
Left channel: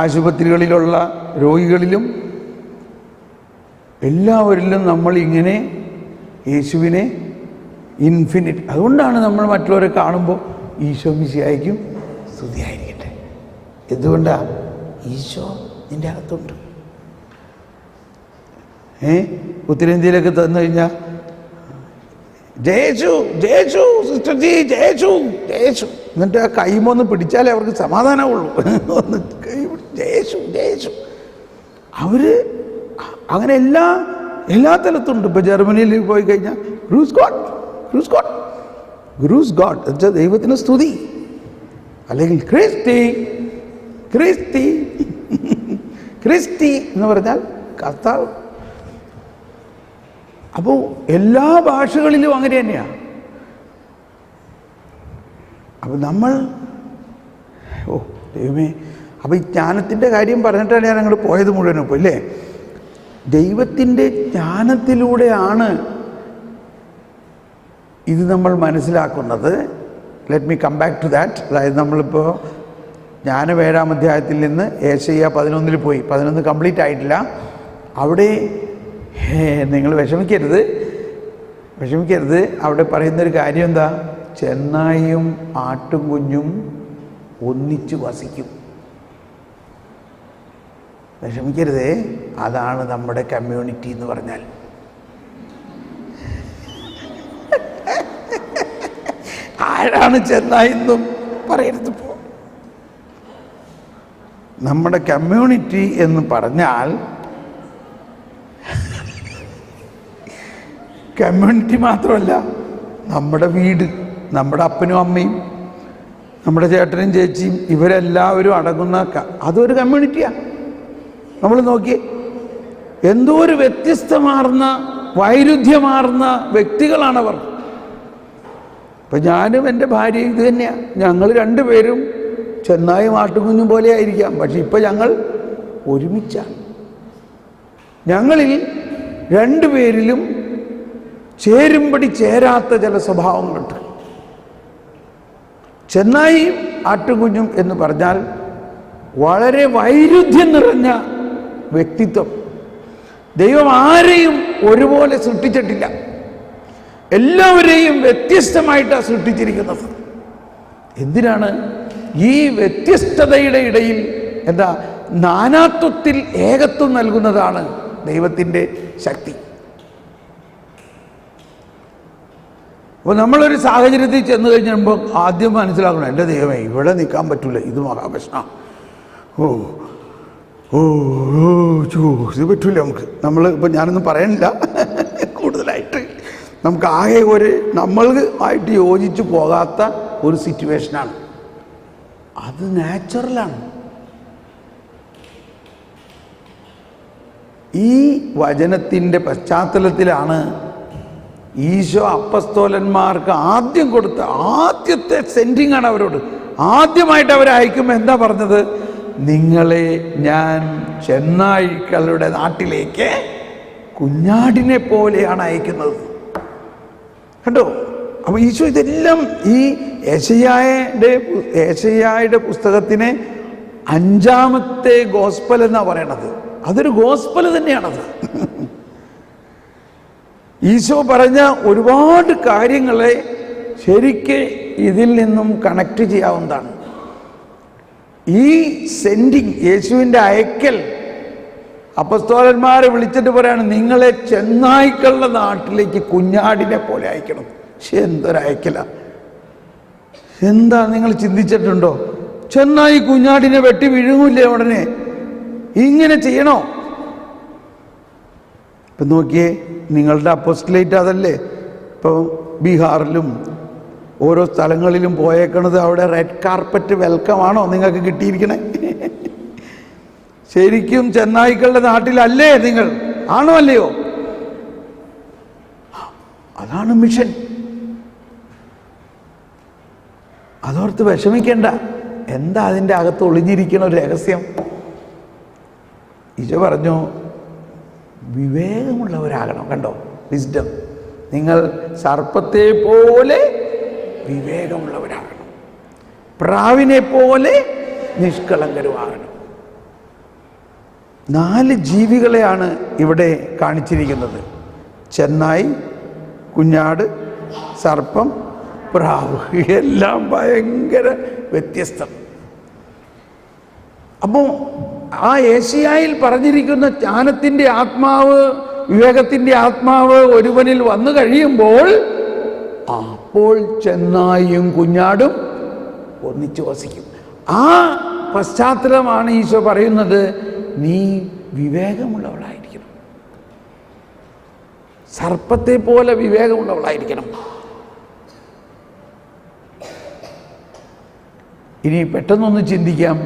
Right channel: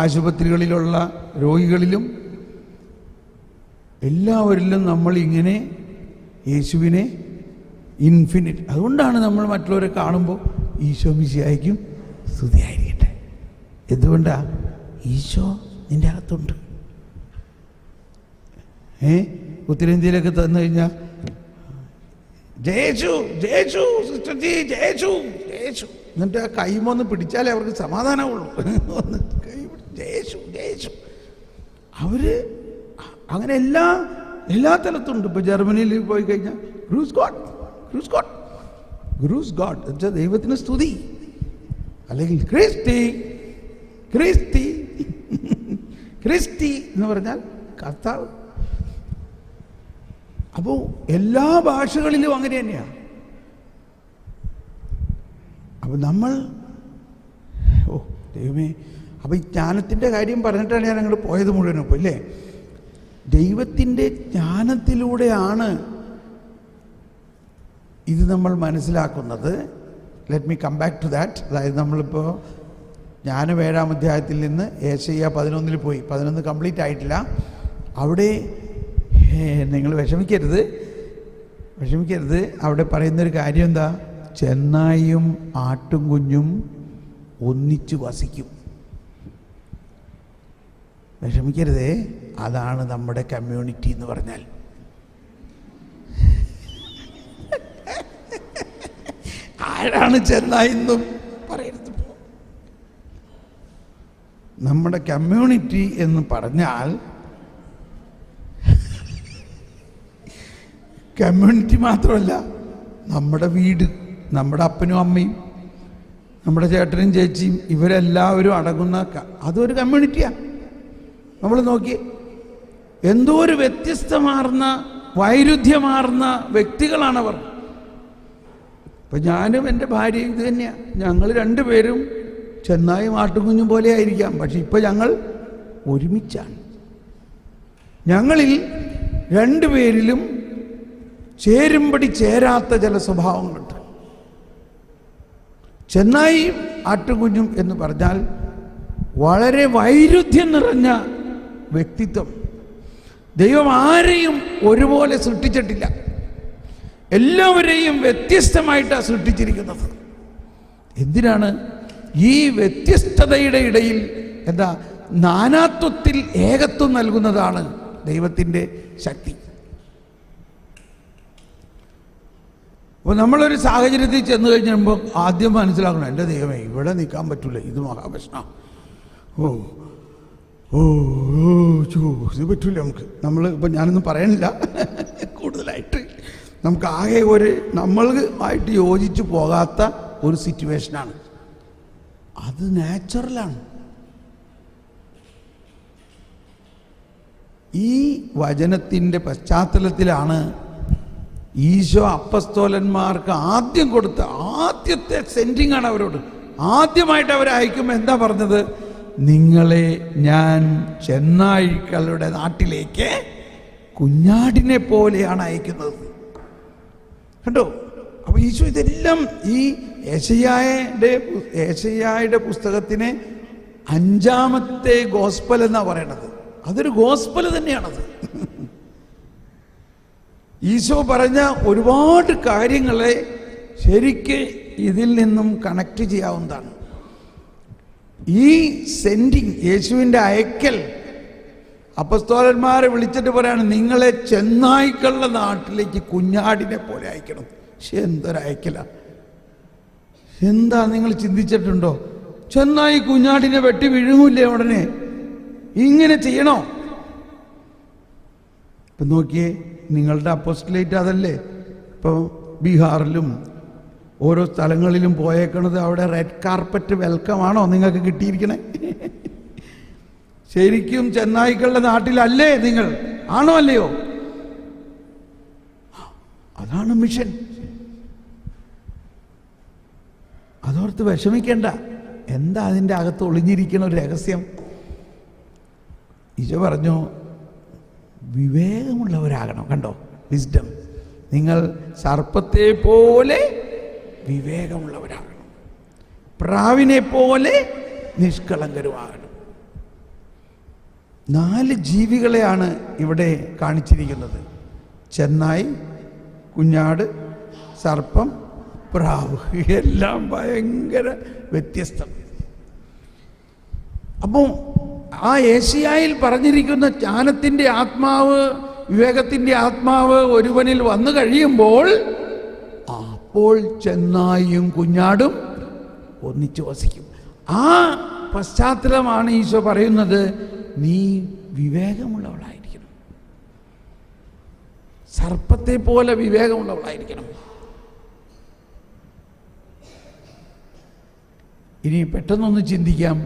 ആശുപത്രികളിലുള്ള രോഗികളിലും എല്ലാവരിലും നമ്മൾ ഇങ്ങനെ യേശുവിനെ ഇൻഫിനിറ്റ്. അതുകൊണ്ടാണ് നമ്മൾ മറ്റുള്ളവരെ കാണുമ്പോൾ ഈശോ മിശിഹായ്ക്കും സ്തുതിയായിരിക്കട്ടെ. എന്തുകൊണ്ടാണ്? ഈശോ നിൻ്റെ അകത്തുണ്ട്. ഉത്തരേന്ത്യയിലൊക്കെ തന്നു കഴിഞ്ഞാൽ ജയേശു ജയേശു സിസ്റ്റർ ജി ജയേശു ജയേശു, എന്നിട്ട് ആ കൈമൊന്ന് പിടിച്ചാലേ അവർക്ക് സമാധാനമുള്ളൂ. ഒന്ന് കൈ ജയേശു ജയേശു. അവർ അങ്ങനെ എല്ലാ തലത്തുണ്ട്. ഇപ്പോൾ ജർമ്മനിയിൽ പോയി കഴിഞ്ഞാൽ grooves God grooves God grooves God എന്നുവെച്ചാൽ ദൈവത്തിന് സ്തുതി, അല്ലെങ്കിൽ ക്രിസ്തി ക്രിസ്തി ക്രിസ്തി എന്ന് പറഞ്ഞാൽ കർത്താവ്. അപ്പോൾ എല്ലാ ഭാഷകളിലും അങ്ങനെ തന്നെയാണ്. അപ്പോൾ നമ്മൾ ദൈവമേ, അപ്പോൾ ഈ ജ്ഞാനത്തിൻ്റെ കാര്യം പറഞ്ഞിട്ടാണ് ഞാൻ അങ്ങോട്ട് പോയത് മുഴുവനും. ഇപ്പോൾ ഇല്ലേ, ദൈവത്തിൻ്റെ ജ്ഞാനത്തിലൂടെയാണ് ഇത് നമ്മൾ മനസ്സിലാക്കുന്നത്. Let me come back to that. അതായത് നമ്മളിപ്പോൾ ജ്ഞാനം 7-ാം അധ്യായത്തിൽ നിന്ന് ഏശയ്യ 11 പോയി. 11 കംപ്ലീറ്റ് ആയിട്ടില്ല. അവിടെ നിങ്ങൾ വിഷമിക്കരുത്. അവിടെ പറയുന്നൊരു കാര്യം എന്താ? ചെന്നായും ആട്ടും കുഞ്ഞും ഒന്നിച്ചു വസിക്കും. വിഷമിക്കരുതേ. അതാണ് നമ്മുടെ കമ്മ്യൂണിറ്റി എന്ന് പറഞ്ഞാൽ. ആരാണ് ചെന്നായെന്നും പറയരുത്. ഇപ്പോൾ നമ്മുടെ കമ്മ്യൂണിറ്റി എന്ന് പറഞ്ഞാൽ കമ്മ്യൂണിറ്റി മാത്രമല്ല, നമ്മുടെ വീട്, നമ്മുടെ അപ്പനും അമ്മയും നമ്മുടെ ചേട്ടനും ചേച്ചിയും ഇവരെല്ലാവരും അടങ്ങുന്ന അതൊരു കമ്മ്യൂണിറ്റിയാണ്. നമ്മൾ നോക്കി എന്തോ ഒരു വ്യത്യസ്തമാർന്ന വൈരുദ്ധ്യമാർന്ന വ്യക്തികളാണവർ. ഇപ്പം ഞാനും എൻ്റെ ഭാര്യയും ഇത് തന്നെയാണ്. ഞങ്ങൾ രണ്ടുപേരും ചെന്നായും ആട്ടുകുഞ്ഞും പോലെ ആയിരിക്കാം, പക്ഷെ ഇപ്പം ഞങ്ങൾ ഒരുമിച്ചാണ്. ഞങ്ങളിൽ രണ്ടുപേരിലും ചേരുമ്പടി ചേരാത്ത ചില സ്വഭാവങ്ങളുണ്ട്. ചെന്നായും ആട്ടുകുഞ്ഞും എന്ന് പറഞ്ഞാൽ വളരെ വൈരുദ്ധ്യം നിറഞ്ഞ വ്യക്തിത്വം. ദൈവം ആരെയും ഒരുപോലെ സൃഷ്ടിച്ചിട്ടില്ല. എല്ലാവരെയും വ്യത്യസ്തമായിട്ടാണ് സൃഷ്ടിച്ചിരിക്കുന്നത്. എന്തിനാണ്? ഈ വ്യത്യസ്തതയുടെ ഇടയിൽ എന്താ നാനാത്വത്തിൽ ഏകത്വം നൽകുന്നതാണ് ദൈവത്തിൻ്റെ ശക്തി. അപ്പോൾ നമ്മളൊരു സാഹചര്യത്തിൽ ചെന്ന് കഴിഞ്ഞപ്പോൾ ആദ്യം മനസ്സിലാക്കണം, എൻ്റെ ദൈവമേ ഇവിടെ നിൽക്കാൻ പറ്റില്ല, ഇത് മഹാപ്രശ്നമാണ്, ഇത് പറ്റില്ല നമുക്ക്. ഇപ്പം ഞാനൊന്നും പറയണില്ല കൂടുതലായിട്ട്. നമുക്ക് ആകെ നമ്മൾ ആയിട്ട് യോജിച്ച് പോകാത്ത ഒരു സിറ്റുവേഷനാണ്. അത് നാച്ചുറലാണ്. ഈ വചനത്തിൻ്റെ പശ്ചാത്തലത്തിലാണ് ഈശോ അപ്പസ്തോലന്മാർക്ക് ആദ്യം കൊടുത്ത ആദ്യത്തെ സെൻഡിങ് ആണ് അവരോട്. ആദ്യമായിട്ട് അവരെ അയക്കുമ്പോൾ എന്താ പറഞ്ഞത്? നിങ്ങളെ ഞാൻ ചെന്നായ്ക്കളുടെ നാട്ടിലേക്ക് കുഞ്ഞാടിനെ പോലെയാണ് അയക്കുന്നത്. കണ്ടോ? അപ്പോൾ ഈശോ ഇതെല്ലാം ഈ ഏശയ്യായുടെ പുസ്തകത്തിനെ 5ാമത്തെ ഗോസ്പൽ എന്നാണ് പറയണത്. അതൊരു ഗോസ്പൽ തന്നെയാണത്. ഈശോ പറഞ്ഞ ഒരുപാട് കാര്യങ്ങളെ ശരിക്ക് ഇതിൽ നിന്നും കണക്ട് ചെയ്യാവുന്നതാണ്. ഈ സെൻഡിങ്, യേശുവിൻ്റെ അയക്കൽ, അപ്പസ്തോലന്മാരെ വിളിച്ചിട്ട് പറയാണ് നിങ്ങളെ ചെന്നായ്ക്കളുടെ നാട്ടിലേക്ക് കുഞ്ഞാടിനെ പോലെ അയക്കണം. പക്ഷെ എന്തൊരയക്കല! എന്താ നിങ്ങൾ ചിന്തിച്ചിട്ടുണ്ടോ? ചെന്നായി കുഞ്ഞാടിനെ വെട്ടി വിഴുങ്ങൂല്ലേ ഉടനെ? ഇങ്ങനെ ചെയ്യണോ? ഇപ്പം നോക്കിയേ, നിങ്ങളുടെ അപ്പോസ്റ്റലേറ്റ് അതല്ലേ. ഇപ്പോൾ ബീഹാറിലും ഓരോ സ്ഥലങ്ങളിലും പോയേക്കണത്, അവിടെ റെഡ് കാർപ്പറ്റ് വെൽക്കം ആണോ നിങ്ങൾക്ക് കിട്ടിയിരിക്കണേ? ശരിക്കും ചെന്നായ്ക്കളുടെ നാട്ടിലല്ലേ നിങ്ങൾ? ആണോ അല്ലയോ? അതാണ് മിഷൻ. അതോർത്ത് വിഷമിക്കേണ്ട. എന്താ അതിൻ്റെ അകത്ത് ഒളിഞ്ഞിരിക്കണ ഒരു രഹസ്യം? ഈശോ പറഞ്ഞു, വിവേകമുള്ളവരാകണം. കണ്ടോ, വിസ്ഡം. നിങ്ങൾ സർപ്പത്തെ പോലെ വിവേകമുള്ളവരാകണം, പ്രാവിനെ പോലെ നിഷ്കളങ്കരുമാകണം. 4 ജീവികളെയാണ് ഇവിടെ കാണിച്ചിരിക്കുന്നത്: ചെന്നായി, കുഞ്ഞാട്, സർപ്പം, പ്രാവ്. എല്ലാം ഭയങ്കര വ്യത്യസ്തം. അപ്പോൾ ആ ഏശയ്യായിൽ പറഞ്ഞിരിക്കുന്ന ജ്ഞാനത്തിൻ്റെ ആത്മാവ്, വിവേകത്തിൻ്റെ ആത്മാവ് ഒരുവനിൽ വന്നു കഴിയുമ്പോൾ അപ്പോൾ ചെന്നായും കുഞ്ഞാടും ഒന്നിച്ച് വസിക്കും. ആ പശ്ചാത്തലമാണ് ഈശോ പറയുന്നത്, നീ വിവേകമുള്ളവളായിരിക്കണം, സർപ്പത്തെ പോലെ വിവേകമുള്ളവളായിരിക്കണം. ഇനി പെട്ടെന്നൊന്ന് ചിന്തിക്കാം,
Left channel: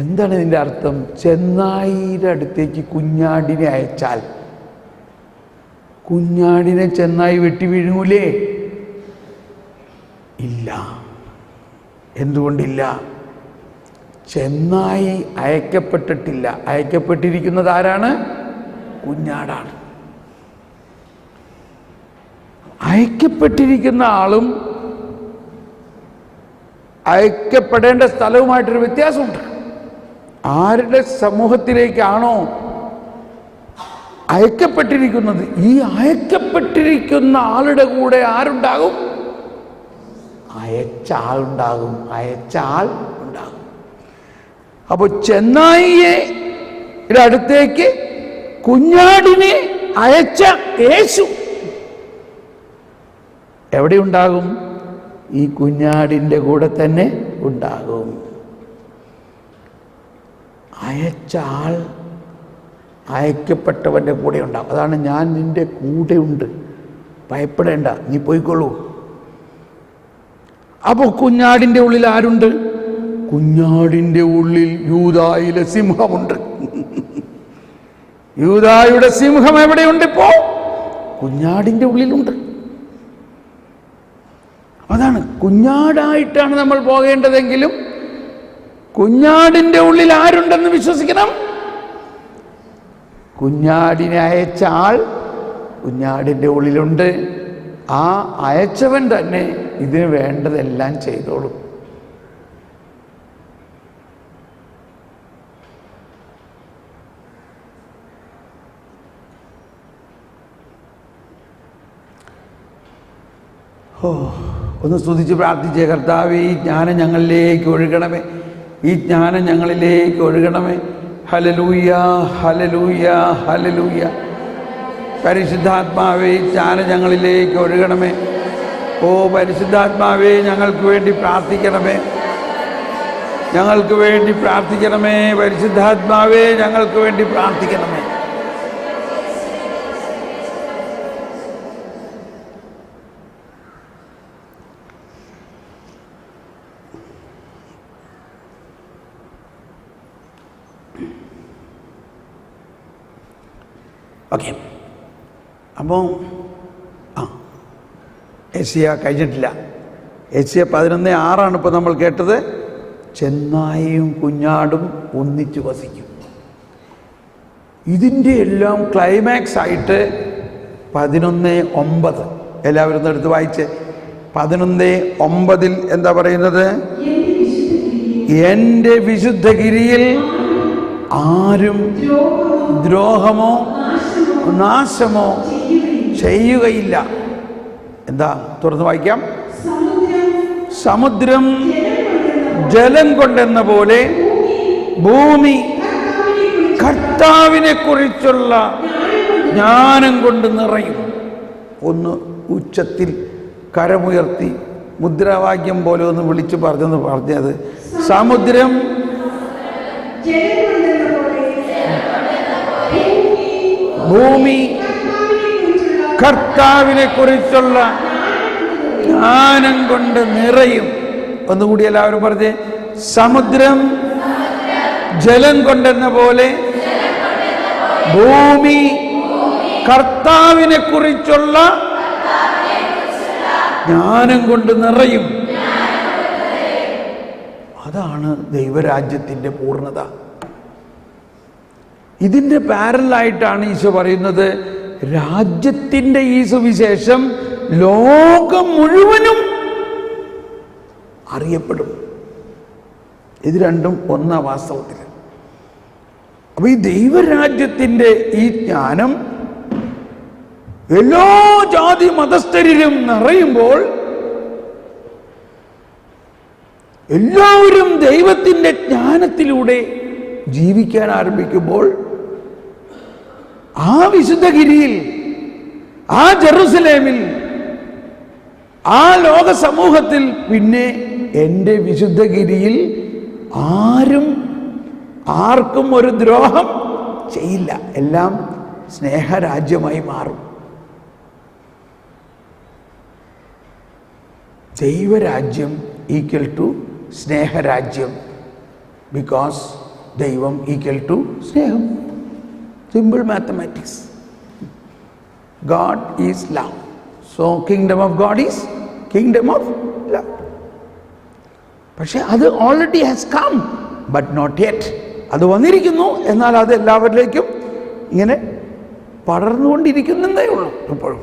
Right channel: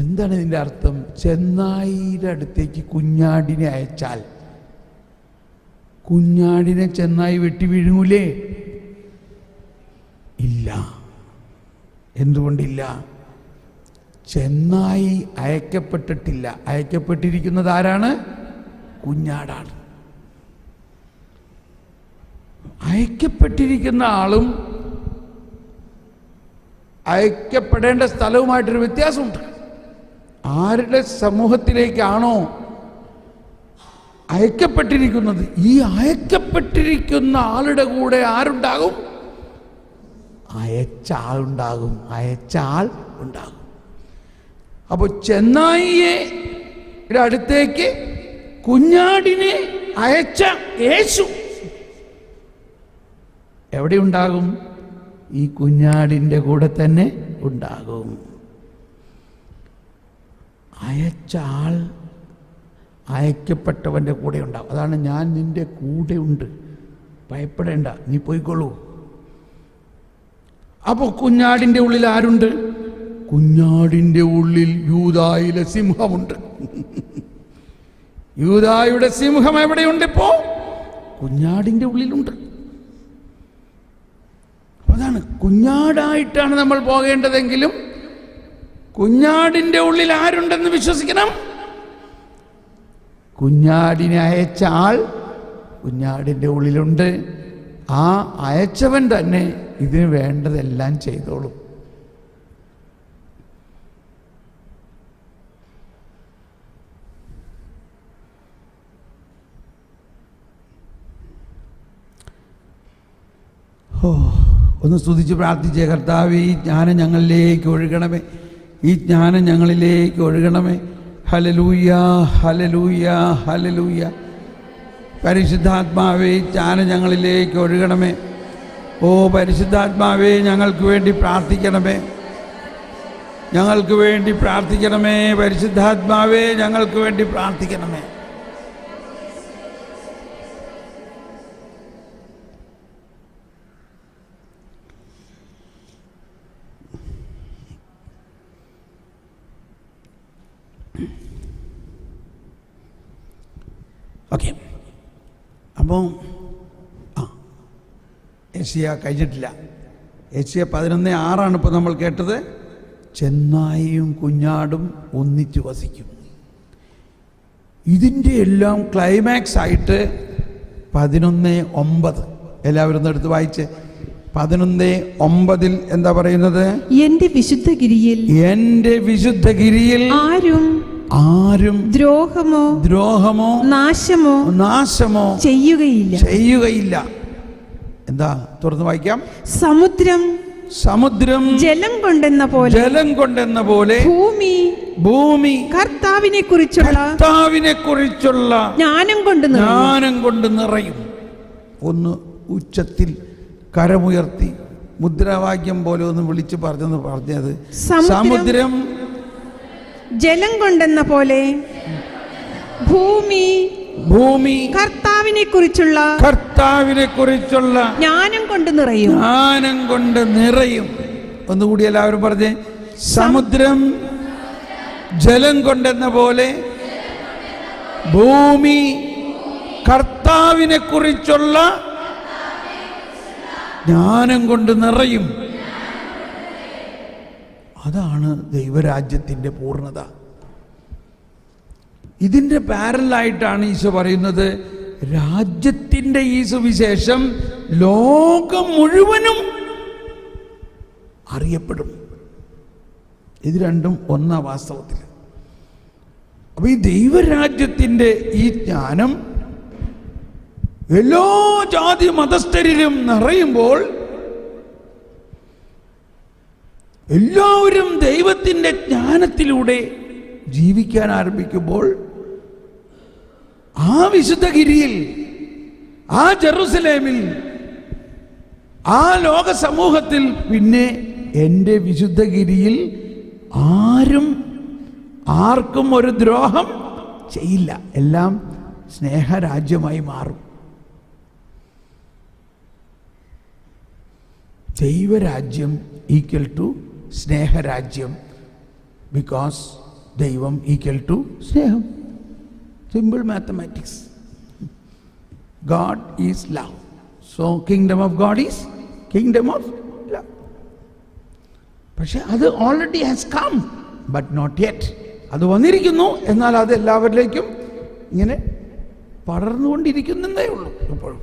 എന്താണ് ഇതിൻ്റെ അർത്ഥം? ചെന്നായിയുടെ അടുത്തേക്ക് കുഞ്ഞാടിനെ അയച്ചാൽ കുഞ്ഞാടിനെ ചെന്നായി വെട്ടി വീഴുമൂലേ? ഇല്ല. എന്തുകൊണ്ടില്ല? ചെന്നായി അയക്കപ്പെട്ടിട്ടില്ല. അയക്കപ്പെട്ടിരിക്കുന്നത് ആരാണ്? കുഞ്ഞാടാണ്. അയക്കപ്പെട്ടിരിക്കുന്ന ആളും അയക്കപ്പെടേണ്ട സ്ഥലവുമായിട്ടൊരു വ്യത്യാസമുണ്ട്. ആരുടെ സമൂഹത്തിലേക്കാണോ അയക്കപ്പെട്ടിരിക്കുന്നത്, ഈ അയക്കപ്പെട്ടിരിക്കുന്ന ആളുടെ കൂടെ ആരുണ്ടാകും? അയച്ച ആളുണ്ടാകും. അയച്ച ആൾ ഉണ്ടാകും. അപ്പോൾ ചെന്നായിയുടെ അടുത്തേക്ക് കുഞ്ഞാടിനെ അയച്ച യേശു എവിടെ ഉണ്ടാകും? ഈ കുഞ്ഞാടിൻ്റെ കൂടെ തന്നെ ഉണ്ടാകും. അയച്ച ആൾ അയക്കപ്പെട്ടവൻ്റെ കൂടെ ഉണ്ടാകും. അതാണ് ഞാൻ നിൻ്റെ കൂടെ ഉണ്ട്, ഭയപ്പെടേണ്ട, നീ പോയിക്കൊള്ളൂ. അപ്പോൾ കുഞ്ഞാടിൻ്റെ ഉള്ളിൽ ആരുണ്ട്? കുഞ്ഞാടിൻ്റെ ഉള്ളിൽ യൂദായിലെ സിംഹമുണ്ട്. യൂദായുടെ സിംഹം എവിടെയുണ്ട്? ഇപ്പോൾ കുഞ്ഞാടിൻ്റെ ഉള്ളിലുണ്ട്. അതാണ്, കുഞ്ഞാടായിട്ടാണ് നമ്മൾ പോകേണ്ടതെങ്കിലും കുഞ്ഞാടിൻ്റെ ഉള്ളിൽ ആരുണ്ടെന്ന് വിശ്വസിക്കണം. കുഞ്ഞാടിനെ അയച്ച ആൾ കുഞ്ഞാടിൻ്റെ ഉള്ളിലുണ്ട്. ആ അയച്ചവൻ തന്നെ ഇതിന് വേണ്ടതെല്ലാം ചെയ്തോളും. ഒന്ന് സ്തുതിച്ച് പ്രാർത്ഥിച്ചേ. കർത്താവേ, ഈ ജ്ഞാനം ഞങ്ങളിലേക്ക് ഒഴുകണമേ, ഈ ജ്ഞാനം ഞങ്ങളിലേക്ക് ഒഴുകണമേ. Hallelujah, hallelujah, hallelujah. പരിശുദ്ധാത്മാവേ, ഈ ജ്ഞാനം ഞങ്ങളിലേക്ക് ഒഴുകണമേ. ഓ പരിശുദ്ധാത്മാവേ, ഞങ്ങൾക്ക് വേണ്ടി പ്രാർത്ഥിക്കണമേ, ഞങ്ങൾക്ക് വേണ്ടി പ്രാർത്ഥിക്കണമേ. പരിശുദ്ധാത്മാവേ, ഞങ്ങൾക്ക് വേണ്ടി പ്രാർത്ഥിക്കണമേ. ഓക്കെ, അപ്പോൾ ഏഷ്യ കഴിഞ്ഞിട്ടില്ല. ഏഷ്യ 11:6 ഇപ്പോൾ നമ്മൾ കേട്ടത്. ചെന്നായും കുഞ്ഞാടും ഒന്നിച്ചു വസിക്കും. ഇതിൻ്റെ എല്ലാം ക്ലൈമാക്സ് ആയിട്ട് 11:9 എല്ലാവരും ഒന്ന് എടുത്ത് വായിച്ച്. 11:9 എന്താ പറയുന്നത്? എന്റെ വിശുദ്ധഗിരിയിൽ ആരും ദ്രോഹമോ നാശമോ ചെയ്യുകയില്ല. എന്താ? തുറന്ന് വായിക്കാം. സമുദ്രം ജലം കൊണ്ടെന്ന പോലെ ഭൂമി കർത്താവിനെ കുറിച്ചുള്ള ജ്ഞാനം കൊണ്ട് നിറയും. ഒന്ന് ഉച്ചത്തിൽ കരമുയർത്തി മുദ്രാവാക്യം പോലെ ഒന്ന് വിളിച്ചു പറഞ്ഞത് സമുദ്രം ജലം കൊണ്ടെന്ന പോലെ ഭൂമി കർത്താവിനെ കുറിച്ചുള്ള ജ്ഞാനം കൊണ്ട് നിറയും. ഒന്നുകൂടി എല്ലാവരും പറഞ്ഞേ. സമുദ്രം ജലം കൊണ്ടെന്ന പോലെ ഭൂമി കർത്താവിനെ കുറിച്ചുള്ള ജ്ഞാനം കൊണ്ട് നിറയും. അതാണ് ദൈവരാജ്യത്തിൻ്റെ പൂർണ്ണത. ഇതിൻ്റെ പാരലായിട്ടാണ് ഈശോ പറയുന്നത്, രാജ്യത്തിൻ്റെ ഈ സുവിശേഷം ലോകം മുഴുവനും അറിയപ്പെടും. ഇത് രണ്ടും ഒന്നാ വാസ്തവത്തിൽ. അപ്പൊ ഈ ദൈവരാജ്യത്തിൻ്റെ ഈ ജ്ഞാനം എല്ലാ ജാതി മതസ്ഥരിലും നിറയുമ്പോൾ എല്ലാവരും ദൈവത്തിൻ്റെ ജ്ഞാനത്തിലൂടെ ജീവിക്കാൻ ആരംഭിക്കുമ്പോൾ ആ വിശുദ്ധഗിരിയിൽ, ആ ജെറുസലേമിൽ, ആ ലോക സമൂഹത്തിൽ പിന്നെ എൻ്റെ വിശുദ്ധഗിരിയിൽ ആർക്കും ഒരു ദ്രോഹം ചെയ്യില്ല. എല്ലാം സ്നേഹരാജ്യമായി മാറും. ദൈവരാജ്യം ഈക്വൽ ടു സ്നേഹരാജ്യം, ബിക്കോസ് ദൈവം ഈക്വൽ ടു സ്നേഹം. Simple mathematics. God is love. So kingdom of God is kingdom of love. പക്ഷെ അത് already has come, but not yet. അത് വന്നിരിക്കുന്നു, എന്നാൽ അത് എല്ലാവരിലേക്കും ഇങ്ങനെ പടർന്നുകൊണ്ടിരിക്കുന്നതേ ഉള്ളൂ എപ്പോഴും.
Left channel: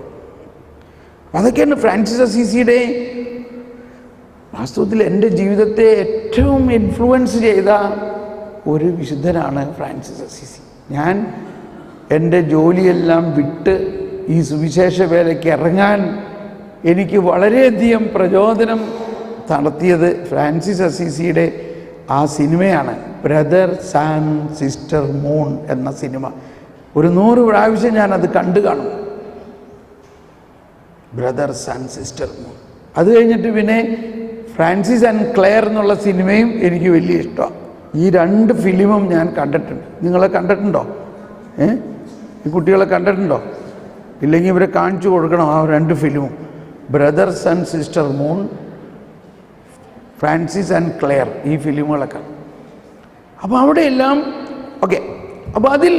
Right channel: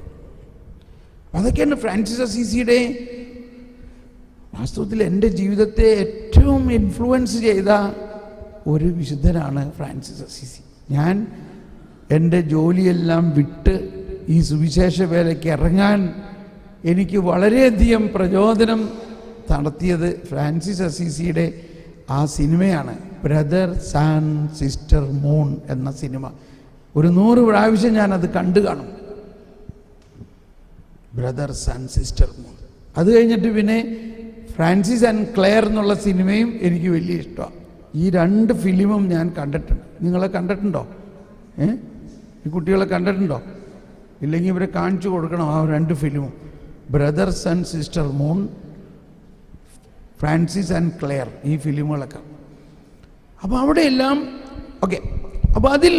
അതൊക്കെയാണ് ഫ്രാൻസിസ് അസീസിയുടെ വാസ്തവത്തിൽ എൻ്റെ ജീവിതത്തെ ഏറ്റവും ഇൻഫ്ലുവൻസ് ചെയ്ത ഒരു വിശുദ്ധനാണ് ഫ്രാൻസിസ് അസീസി. ഞാൻ എൻ്റെ ജോലിയെല്ലാം വിട്ട് ഈ സുവിശേഷ വേലയ്ക്ക് ഇറങ്ങാൻ എനിക്ക് വളരെയധികം പ്രചോദനം നടത്തിയത് ഫ്രാൻസിസ് അസീസിയുടെ ആ സിനിമയാണ്, ബ്രദർ ആൻഡ് സിസ്റ്റർ മൂൺ എന്ന സിനിമ. ഒരു 100 പ്രാവശ്യം ഞാനത് കണ്ടു കാണും, ബ്രദർസ് ആൻഡ് സിസ്റ്റർ മൂൺ. അത് കഴിഞ്ഞിട്ട് പിന്നെ ഫ്രാൻസിസ് ആൻഡ് ക്ലെയർ എന്നുള്ള സിനിമയും എനിക്ക് വലിയ ഇഷ്ടമാണ്. ഈ 2 ഫിലിമും ഞാൻ കണ്ടിട്ടുണ്ട്. നിങ്ങളെ കണ്ടിട്ടുണ്ടോ? ഈ കുട്ടികളെ കണ്ടിട്ടുണ്ടോ? ഇല്ലെങ്കിൽ ഇവരെ കാണിച്ചു കൊടുക്കണം ആ 2 ഫിലിമും, brothers and sister moon, Francis and Clare, ഈ ഫിലിമുകളൊക്കെ. അപ്പോൾ അവിടെയെല്ലാം ഓക്കെ. അപ്പോൾ അതിൽ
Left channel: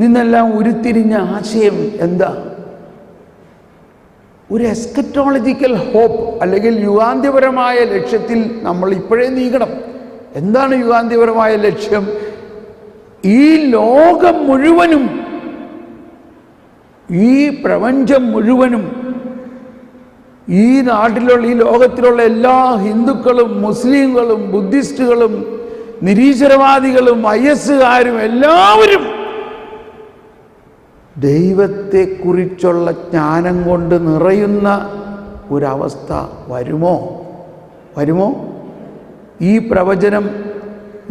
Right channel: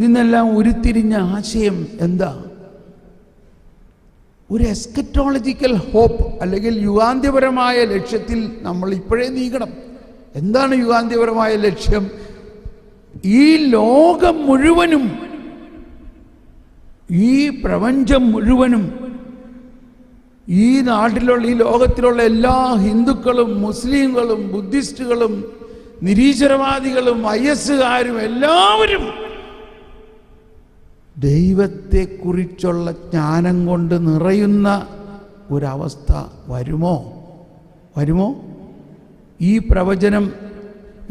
നിന്നെല്ലാം ഉരുത്തിരിഞ്ഞ ആശയം എന്താ? ഒരു എസ്കറ്റോളജിക്കൽ ഹോപ്പ്, അല്ലെങ്കിൽ യുഗാന്ത്യപരമായ ലക്ഷ്യത്തിൽ നമ്മൾ ഇപ്പോഴേ നീങ്ങണം. എന്താണ് യുഗാന്ത്യപരമായ ലക്ഷ്യം? ഈ ലോകം മുഴുവനും, ഈ പ്രപഞ്ചം മുഴുവനും, ഈ നാട്ടിലുള്ള, ഈ ലോകത്തിലുള്ള എല്ലാ ഹിന്ദുക്കളും മുസ്ലിങ്ങളും ബുദ്ധിസ്റ്റുകളും നിരീശ്വരവാദികളും IS-കാരും എല്ലാവരും ദൈവത്തെക്കുറിച്ചുള്ള ജ്ഞാനം കൊണ്ട് നിറയുന്ന ഒരവസ്ഥ വരുമോ? ഈ പ്രവചനം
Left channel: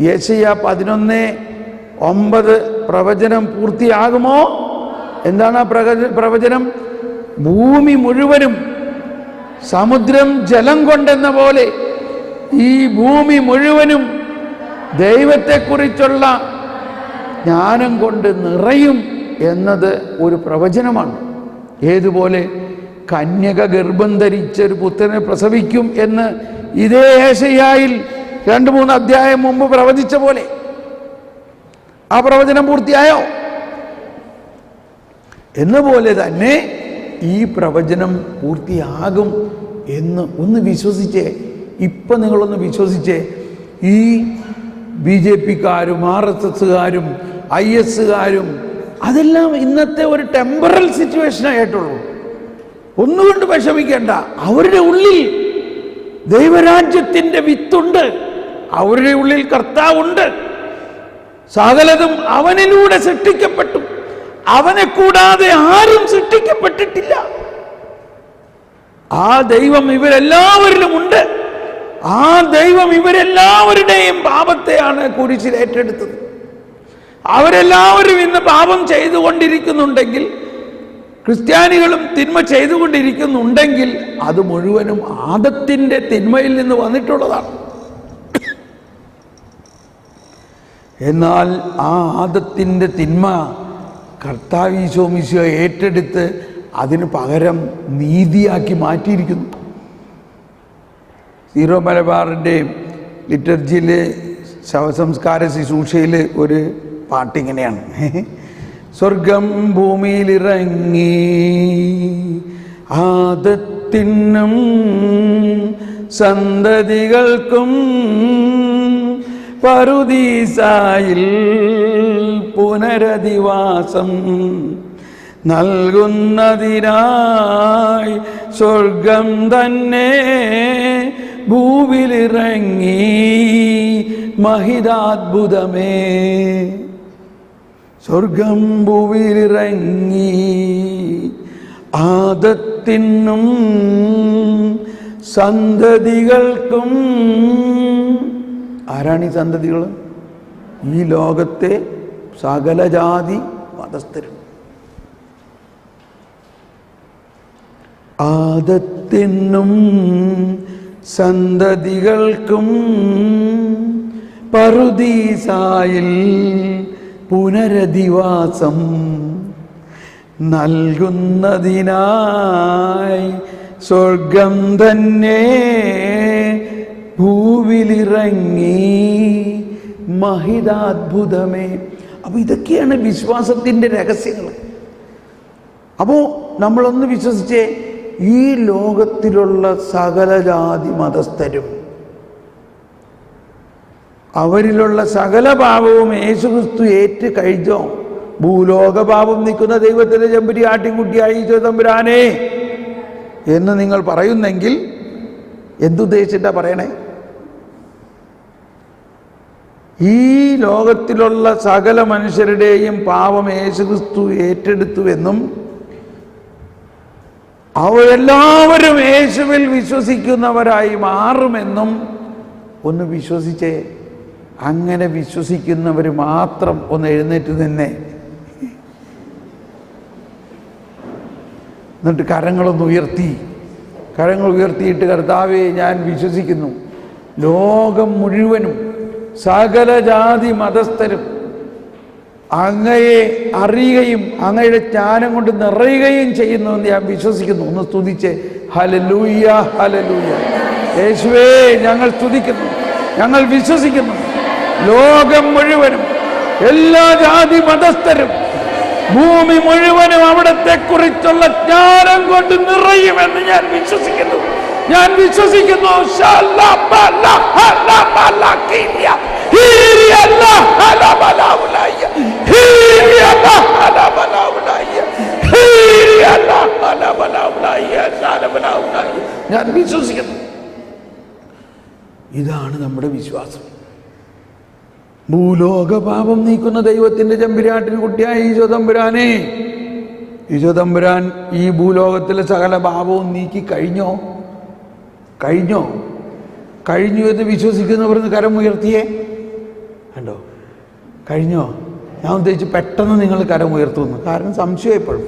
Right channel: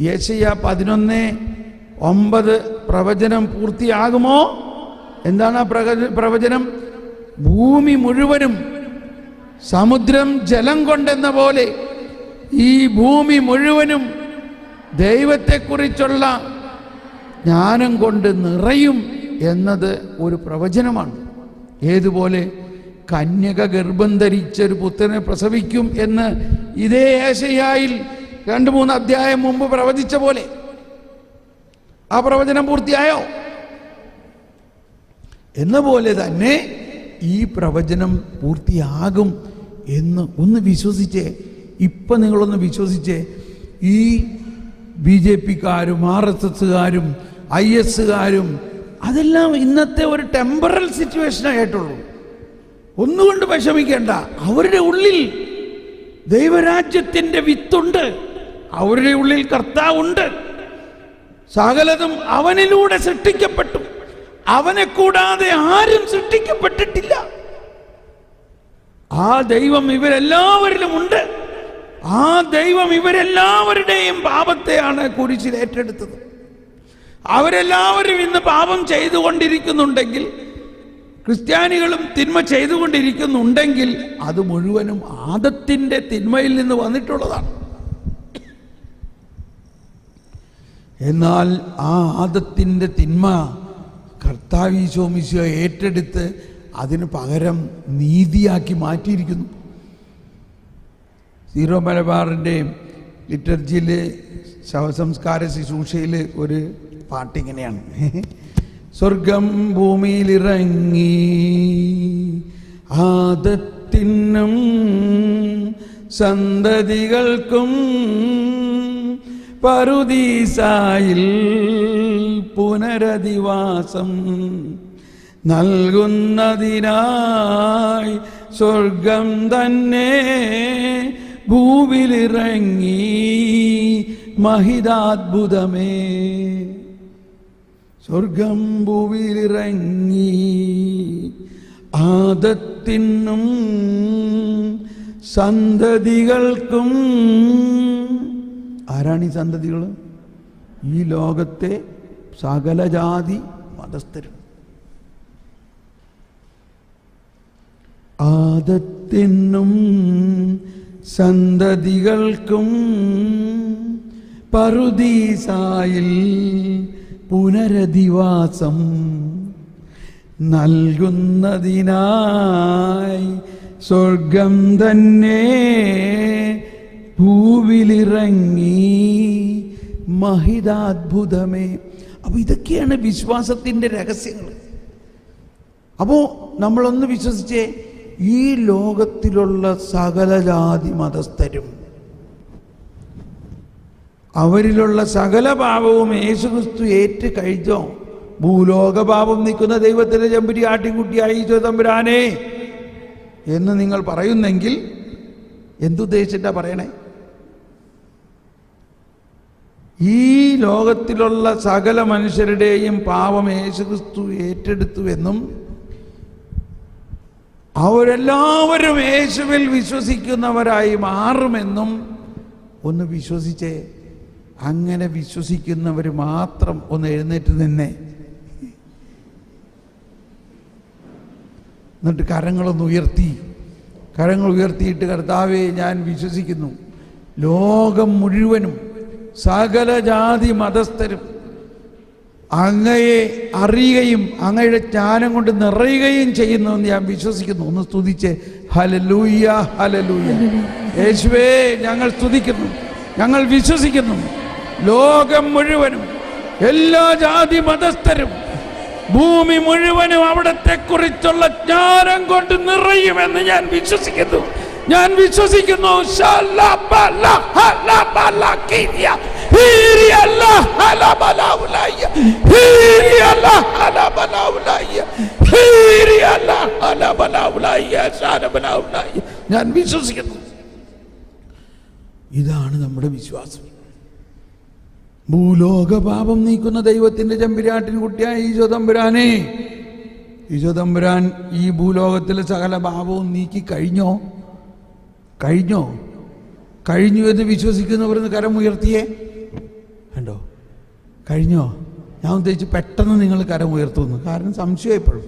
യെശയ്യാ 11:9 പ്രവചനം പൂർത്തിയാകുമോ? എന്താണ് ആ പ്രവചനം? ഭൂമി മുഴുവനും സമുദ്രം ജലം കൊണ്ടെന്ന പോലെ ഈ ഭൂമി മുഴുവനും ദൈവത്തെക്കുറിച്ചുള്ള ജ്ഞാനം കൊണ്ട് നിറയും എന്നത് ഒരു പ്രവചനമാണ്. ഏതുപോലെ? കന്യക ഗർഭം ധരിച്ചൊരു പുത്രനെ പ്രസവിക്കും എന്ന് ഇതേ യേശയ്യായിൽ 2-3 അധ്യായം മുമ്പ് പ്രവചിച്ച പോലെ ആ പ്രവചനം പൂർത്തിയായോ? എന്ന പോലെ തന്നെ ഈ പ്രവചനം പൂർത്തിയാകും എന്ന് ഒന്ന് വിശ്വസിച്ചേ. ഇപ്പം നിങ്ങളൊന്ന് വിശ്വസിച്ചേ. ഈ BJP-കാരും RSS-കാരും IS-കാരും അതെല്ലാം ഇന്നത്തെ ഒരു ടെമ്പറൽ സിറ്റുവേഷനായിട്ടുള്ളൂ. ഒന്നുകൊണ്ട് വിഷമിക്കേണ്ട. അവരുടെ ഉള്ളിൽ ദൈവരാജ്യത്തിൻ്റെ വിത്തുണ്ട്, അവരുടെ ഉള്ളിൽ കർത്താവുണ്ട്. സകലതും അവനിലൂടെ സൃഷ്ടിക്കപ്പെട്ടു, അവനെ കൂടാതെ ആരും സൃഷ്ടിക്കപ്പെട്ടിട്ടില്ല. ആ ദൈവം ഇവരെല്ലാവരിലും ഉണ്ട്. ആ ദൈവം ഇവരെല്ലാവരുടെയും പാപത്തെയാണ് കുരിശിൽ ഏറ്റെടുത്തത്. അവരെല്ലാവരും ഇന്ന് പാപം ചെയ്തുകൊണ്ടിരിക്കുന്നുണ്ടെങ്കിൽ, ക്രിസ്ത്യാനികളും തിന്മ ചെയ്തുകൊണ്ടിരിക്കുന്നുണ്ടെങ്കിൽ, അത് മുഴുവനും ആദത്തിൻ്റെ തിന്മയിൽ നിന്ന് വന്നിട്ടുള്ളതാണ്. എന്നാൽ ആ ആദത്തിൻ്റെ തിന്മ കർത്താവ് ഈശോ മിശിഹ ഏറ്റെടുത്ത് അതിന് പകരം നീതിയാക്കി മാറ്റിയിരിക്കുന്നു. സീറോ മലബാറിൻ്റെ ലിറ്റർജിയിലെ ശവസംസ്കാര ശുശ്രൂഷയിൽ ഒരു പാട്ടിങ്ങനെയാണ്: സ്വർഗം ഭൂമിയിലിറങ്ങി ആദത്തിനും സന്തതികൾക്കും പറുദീസായിൽ പുനരധിവാസം നൽകുന്നതിനായി സ്വർഗം തന്നെ ഭൂവിലിറങ്ങി മഹിതാത്ഭുതമേ. സ്വർഗം ഭൂവിലിറങ്ങി ആദത്തിനും സന്തതികൾക്കും. ആരാണ് ഈ സന്തതികൾ? ഈ ലോകത്തെ സകല ജാതി മതസ്ഥരും. ആദത്തിനും സന്തതികൾക്കും പറുദീസായിൽ പുനരധിവാസം നൽകുന്നതിനായി സ്വർഗം തന്നെ ഭൂവിലിറങ്ങി മഹിതാത്ഭുതമേ. അപ്പോൾ ഇതൊക്കെയാണ് വിശ്വാസത്തിൻ്റെ രഹസ്യങ്ങൾ. അപ്പോൾ നമ്മളൊന്ന് വിശ്വസിച്ചേ, ഈ ലോകത്തിലുള്ള സകല ജാതി മതസ്ഥരും അവരിലുള്ള സകല പാപവും യേശുക്രിസ്തു ഏറ്റു കഴിഞ്ഞോ? ഭൂലോക പാപം നീക്കുന്ന ദൈവത്തിൻ്റെ ചെമ്പരി ആട്ടിൻകുട്ടിയായി ഈശോ തമ്പുരാനെ എന്ന് നിങ്ങൾ പറയുന്നെങ്കിൽ എന്തുദ്ദേശിച്ചിട്ടാ പറയണേ? ഈ ലോകത്തിലുള്ള സകല മനുഷ്യരുടെയും പാപം യേശുക്രിസ്തു ഏറ്റെടുത്തുവെന്നും അവരെല്ലാവരും യേശുവിൽ വിശ്വസിക്കുന്നവരായി മാറുമെന്നും ഒന്ന് വിശ്വസിച്ചേ. അങ്ങനെ വിശ്വസിക്കുന്നവർ മാത്രം ഒന്ന് എഴുന്നേറ്റ് തന്നെ എന്നിട്ട് കരങ്ങൾ ഉയർത്തിയിട്ട് കർത്താവേ, ഞാൻ വിശ്വസിക്കുന്നു, ലോകം മുഴുവനും സകല ജാതി മതസ്ഥരും അങ്ങയെ അറിയുകയും അങ്ങയുടെ ജ്ഞാനം കൊണ്ട് നിറയുകയും ചെയ്യുന്നു എന്ന് ഞാൻ വിശ്വസിക്കുന്നു. ഒന്ന് സ്തുതിച്ചേ. Hallelujah, hallelujah. യേശുവേ, ഞങ്ങൾ സ്തുതിക്കുന്നു, ഞങ്ങൾ വിശ്വസിക്കുന്നു. ലോകം മുഴുവനും എല്ലാ ജാതി മതസ്ഥരും ഭൂമി മുഴുവനും അവിടത്തെ കുറിച്ചുള്ള ജ്ഞാനം കൊണ്ട് നിറയുമെന്ന് ഞാൻ വിശ്വസിക്കുന്നു. ഞാൻ വിശ്വസിക്കുന്നു. ഇതാണ് നമ്മുടെ വിശ്വാസം. ഭൂലോക പാപം നീക്കുന്ന ദൈവത്തിൻ്റെ ചെമ്പുരാട്ടിന് കുട്ടിയായ ഈശോ തമ്പുരാനെ, ഈശോ തമ്പുരാൻ ഈ ഭൂലോകത്തിലെ സകല പാപവും നീക്കി കഴിഞ്ഞു എന്ന് വിശ്വസിക്കുന്നവർ കരം ഉയർത്തിയേ. കണ്ടോ? കഴിഞ്ഞോ? ഞാൻ ഉദ്ദേശിച്ച് പെട്ടെന്ന് നിങ്ങൾ കരം ഉയർത്തുന്നു. കാരണം സംശയം എപ്പോഴും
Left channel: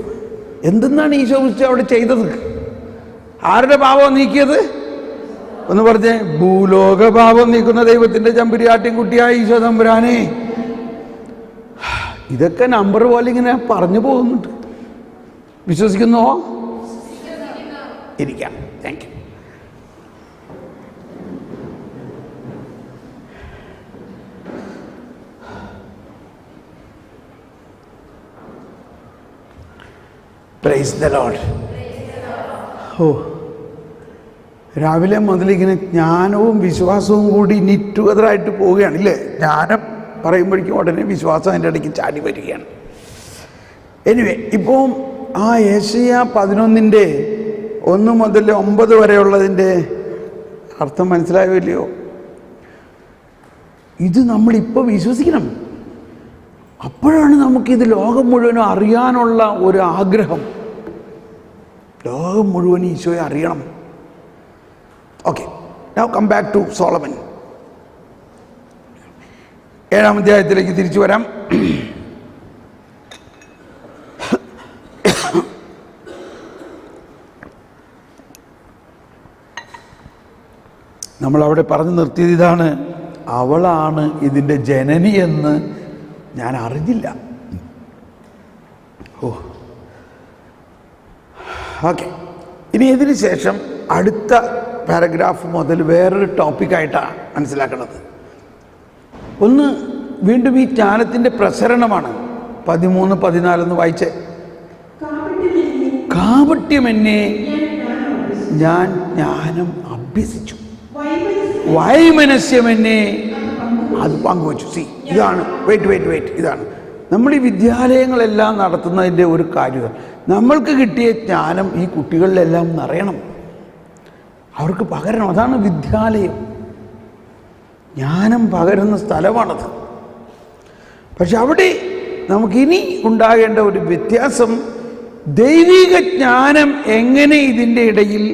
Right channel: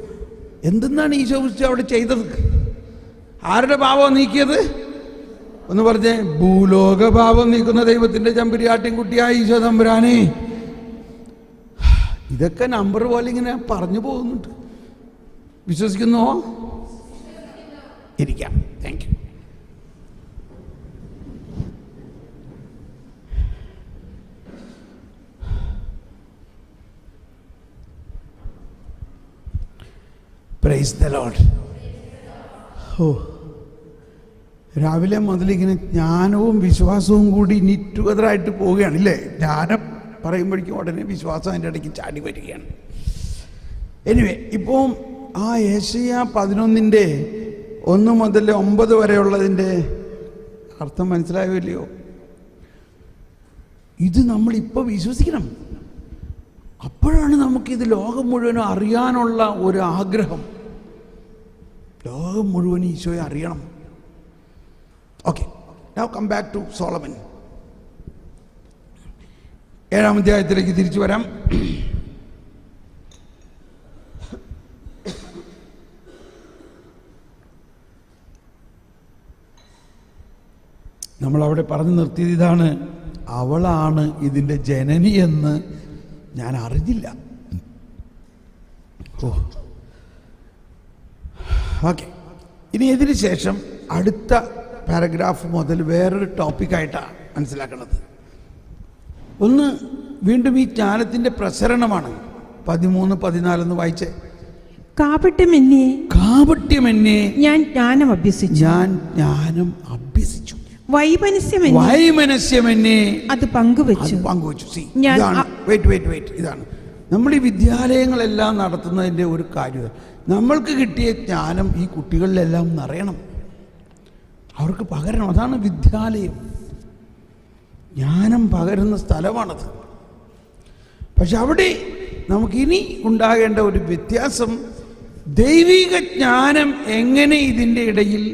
എന്തെന്നാണ് ഈശോ ക്രിസ്തു അവിടെ ചെയ്തത്? ആരുടെ പാപം നീക്കിയത്? ഒന്ന് പറഞ്ഞേ. ഭൂലോക പാപം നീക്കുന്ന ദൈവത്തിൻ്റെ ചെമ്പുരാട്ടിൻ കുട്ടിയായ ഈശോ തമ്പുരാനെ. ഇതൊക്കെ നമ്പർ പോലെ ഇങ്ങനെ പറഞ്ഞു പോകുന്നുണ്ട്. വിശ്വസിക്കുന്നോ? ഇരിക്കാം. Thank you. Praise the lord. ഓ, രാവിലെ മുതലിങ്ങനെ ജ്ഞാനവും വിശ്വാസവും കൂടി നിറ്റുകതറായിട്ട് പോവുകയാണ് ഇല്ലേ? ജ്ഞാനം പറയുമ്പോഴേക്കും ഉടനെ വിശ്വാസം അതിൻ്റെ ഇടയ്ക്ക് ചാടി വരികയാണ്. എനിവേ, ഇപ്പോൾ ആ യെശയ്യാ 11:1 മുതൽ 9 വരെയുള്ളതിൻ്റെ അർത്ഥം മനസ്സിലായോ ഇല്ലയോ? ഇത് നമ്മളിപ്പോൾ വിശ്വസിക്കണം. അപ്പോഴാണ് നമുക്കിത് ലോകം മുഴുവനും അറിയാനുള്ള ഒരു ആഗ്രഹം. ലോകം മുഴുവൻ ഈശോയെ അറിയണം. Okay, now come back to Solomon. 7-ാം അധ്യായത്തിലേക്ക് തിരിച്ചു വരാം. നമ്മളവിടെ പറഞ്ഞു നിർത്തിയത് ഇതാണ്: അവളാണ് ഇതിൻ്റെ ജനനി എന്ന് ഞാൻ അറിഞ്ഞില്ല. ഓക്കെ, ഇനി ഇതിന് ശേഷം അടുത്ത പാരഗ്രാഫ് മുതൽ വേറൊരു ടോപ്പിക്കായിട്ടാണ് മനസ്സിലാക്കുന്നത്. ഒന്ന് വീണ്ടും ഈ ജ്ഞാനത്തിൻ്റെ പ്രസരണമാണ്. 13-14 വായിച്ചേ. കാപട്യമെന്നേ ഞാൻ ജ്ഞാനം അഭ്യസിച്ചു. വൈമനസ്യമെന്നെ അത് പങ്കുവച്ചു. ഇതാണ് വെയിറ്റ് ഇതാണ് നമ്മൾ ഈ വിദ്യാലയങ്ങളെല്ലാം നടത്തുന്നതിൻ്റെ ഒരു കാര്യം. നമ്മൾക്ക് കിട്ടിയ ജ്ഞാനം ഈ കുട്ടികളിലെല്ലാം നിറയണം, അവർക്ക് പകരണം. അതാണ് വിദ്യാലയം, ജ്ഞാനം പകരുന്ന സ്ഥലമാണത്. പക്ഷെ അവിടെ നമുക്കിനി ഉണ്ടാകേണ്ട ഒരു വ്യത്യാസം, ദൈവിക ജ്ഞാനം എങ്ങനെ ഇതിൻ്റെ ഇടയിൽ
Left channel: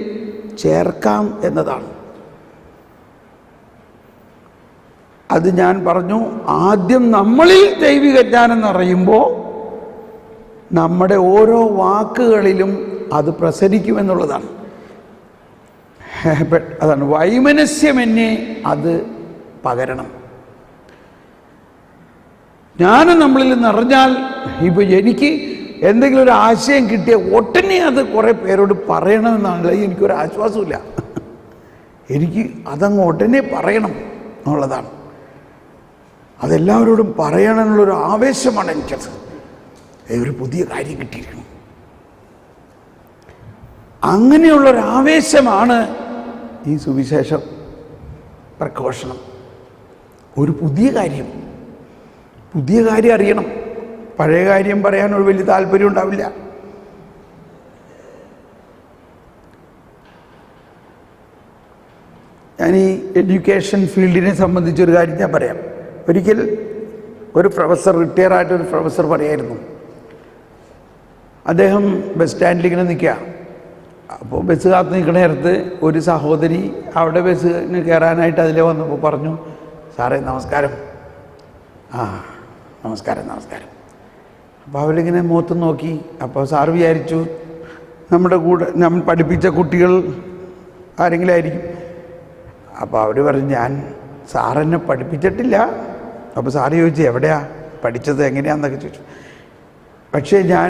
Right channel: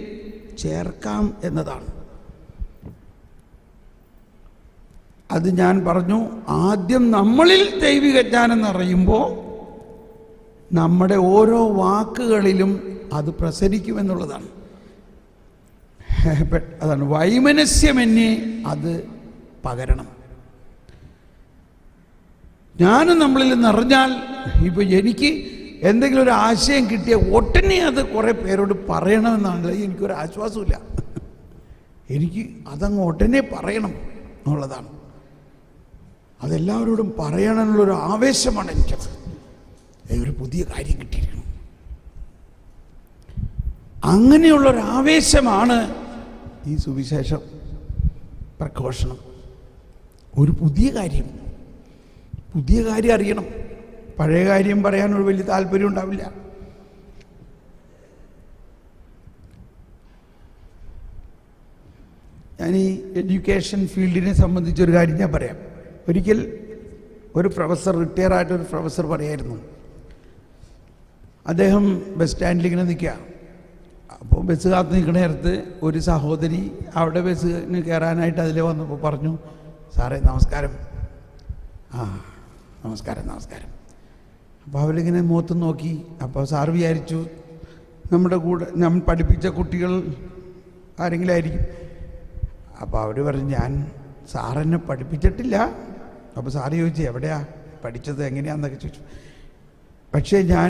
ചേർക്കാം എന്നതാണ്. അത് ഞാൻ പറഞ്ഞു, ആദ്യം നമ്മളിൽ ദൈവിക ജ്ഞാനം നിറയുമ്പോൾ നമ്മുടെ ഓരോ വാക്കുകളിലും അത് പ്രസരിക്കുമെന്നുള്ളതാണ്. അതാണ് വൈമനസ്യമെന്നെ അത് പകരണം. ജ്ഞാനം നമ്മളിൽ നിറഞ്ഞാൽ, ഇപ്പോൾ എനിക്ക് എന്തെങ്കിലും ഒരു ആശയം കിട്ടിയ ഉടനെ അത് കുറേ പേരോട് പറയണമെന്നാണല്ലോ എനിക്കൊരു ആശ്വാസമില്ല. എനിക്ക് അതങ്ങ് ഉടനെ പറയണം എന്നുള്ളതാണ്. അതെല്ലാവരോടും പറയണമെന്നുള്ളൊരു ആവേശമാണ് എനിക്കത്. ഒരു പുതിയ കാര്യം കിട്ടിയിരിക്കണം, അങ്ങനെയുള്ളൊരാവേശമാണ് ഈ സുവിശേഷ പ്രഘോഷണം. ഒരു പുതിയ കാര്യം അറിയണം. പഴയ കാര്യം പറയാൻ ഒരു വലിയ താല്പര്യം ഉണ്ടാവില്ല. ഞാൻ ഈ എഡ്യൂക്കേഷൻ ഫീൽഡിനെ സംബന്ധിച്ചൊരു കാര്യം ഞാൻ പറയാം. ഒരിക്കൽ ഒരു പ്രൊഫസർ, റിട്ടയറായിട്ടൊരു പ്രൊഫസർ പറയായിരുന്നു, അദ്ദേഹം ബസ് സ്റ്റാൻഡിൽ ഇങ്ങനെ നിൽക്കുക. അപ്പോൾ ബസ് കാത്ത് നിൽക്കുന്ന നേരത്ത് ഒരു സഹോദരി അവിടെ ബസ്സിന് കയറാനായിട്ട് അതിലെ വന്നപ്പോൾ പറഞ്ഞു, സാറേ നമസ്കാരം. നമസ്കാരം. അപ്പോൾ അവരിങ്ങനെ മുഖത്ത് നോക്കി. അപ്പോൾ സാറ് വിചാരിച്ചു നമ്മുടെ കൂടെ നമ്മൾ പഠിപ്പിച്ച കുട്ടികൾ ആരെങ്കിലും ആയിരിക്കും. അപ്പോൾ അവർ പറഞ്ഞു, ഞാൻ സാറെന്നെ പഠിപ്പിച്ചിട്ടില്ല. അപ്പോൾ സാറ് ചോദിച്ചു, എവിടെയാ പഠിച്ചത്, എങ്ങനെയാണെന്നൊക്കെ ചോദിച്ചു. പക്ഷേ ഞാൻ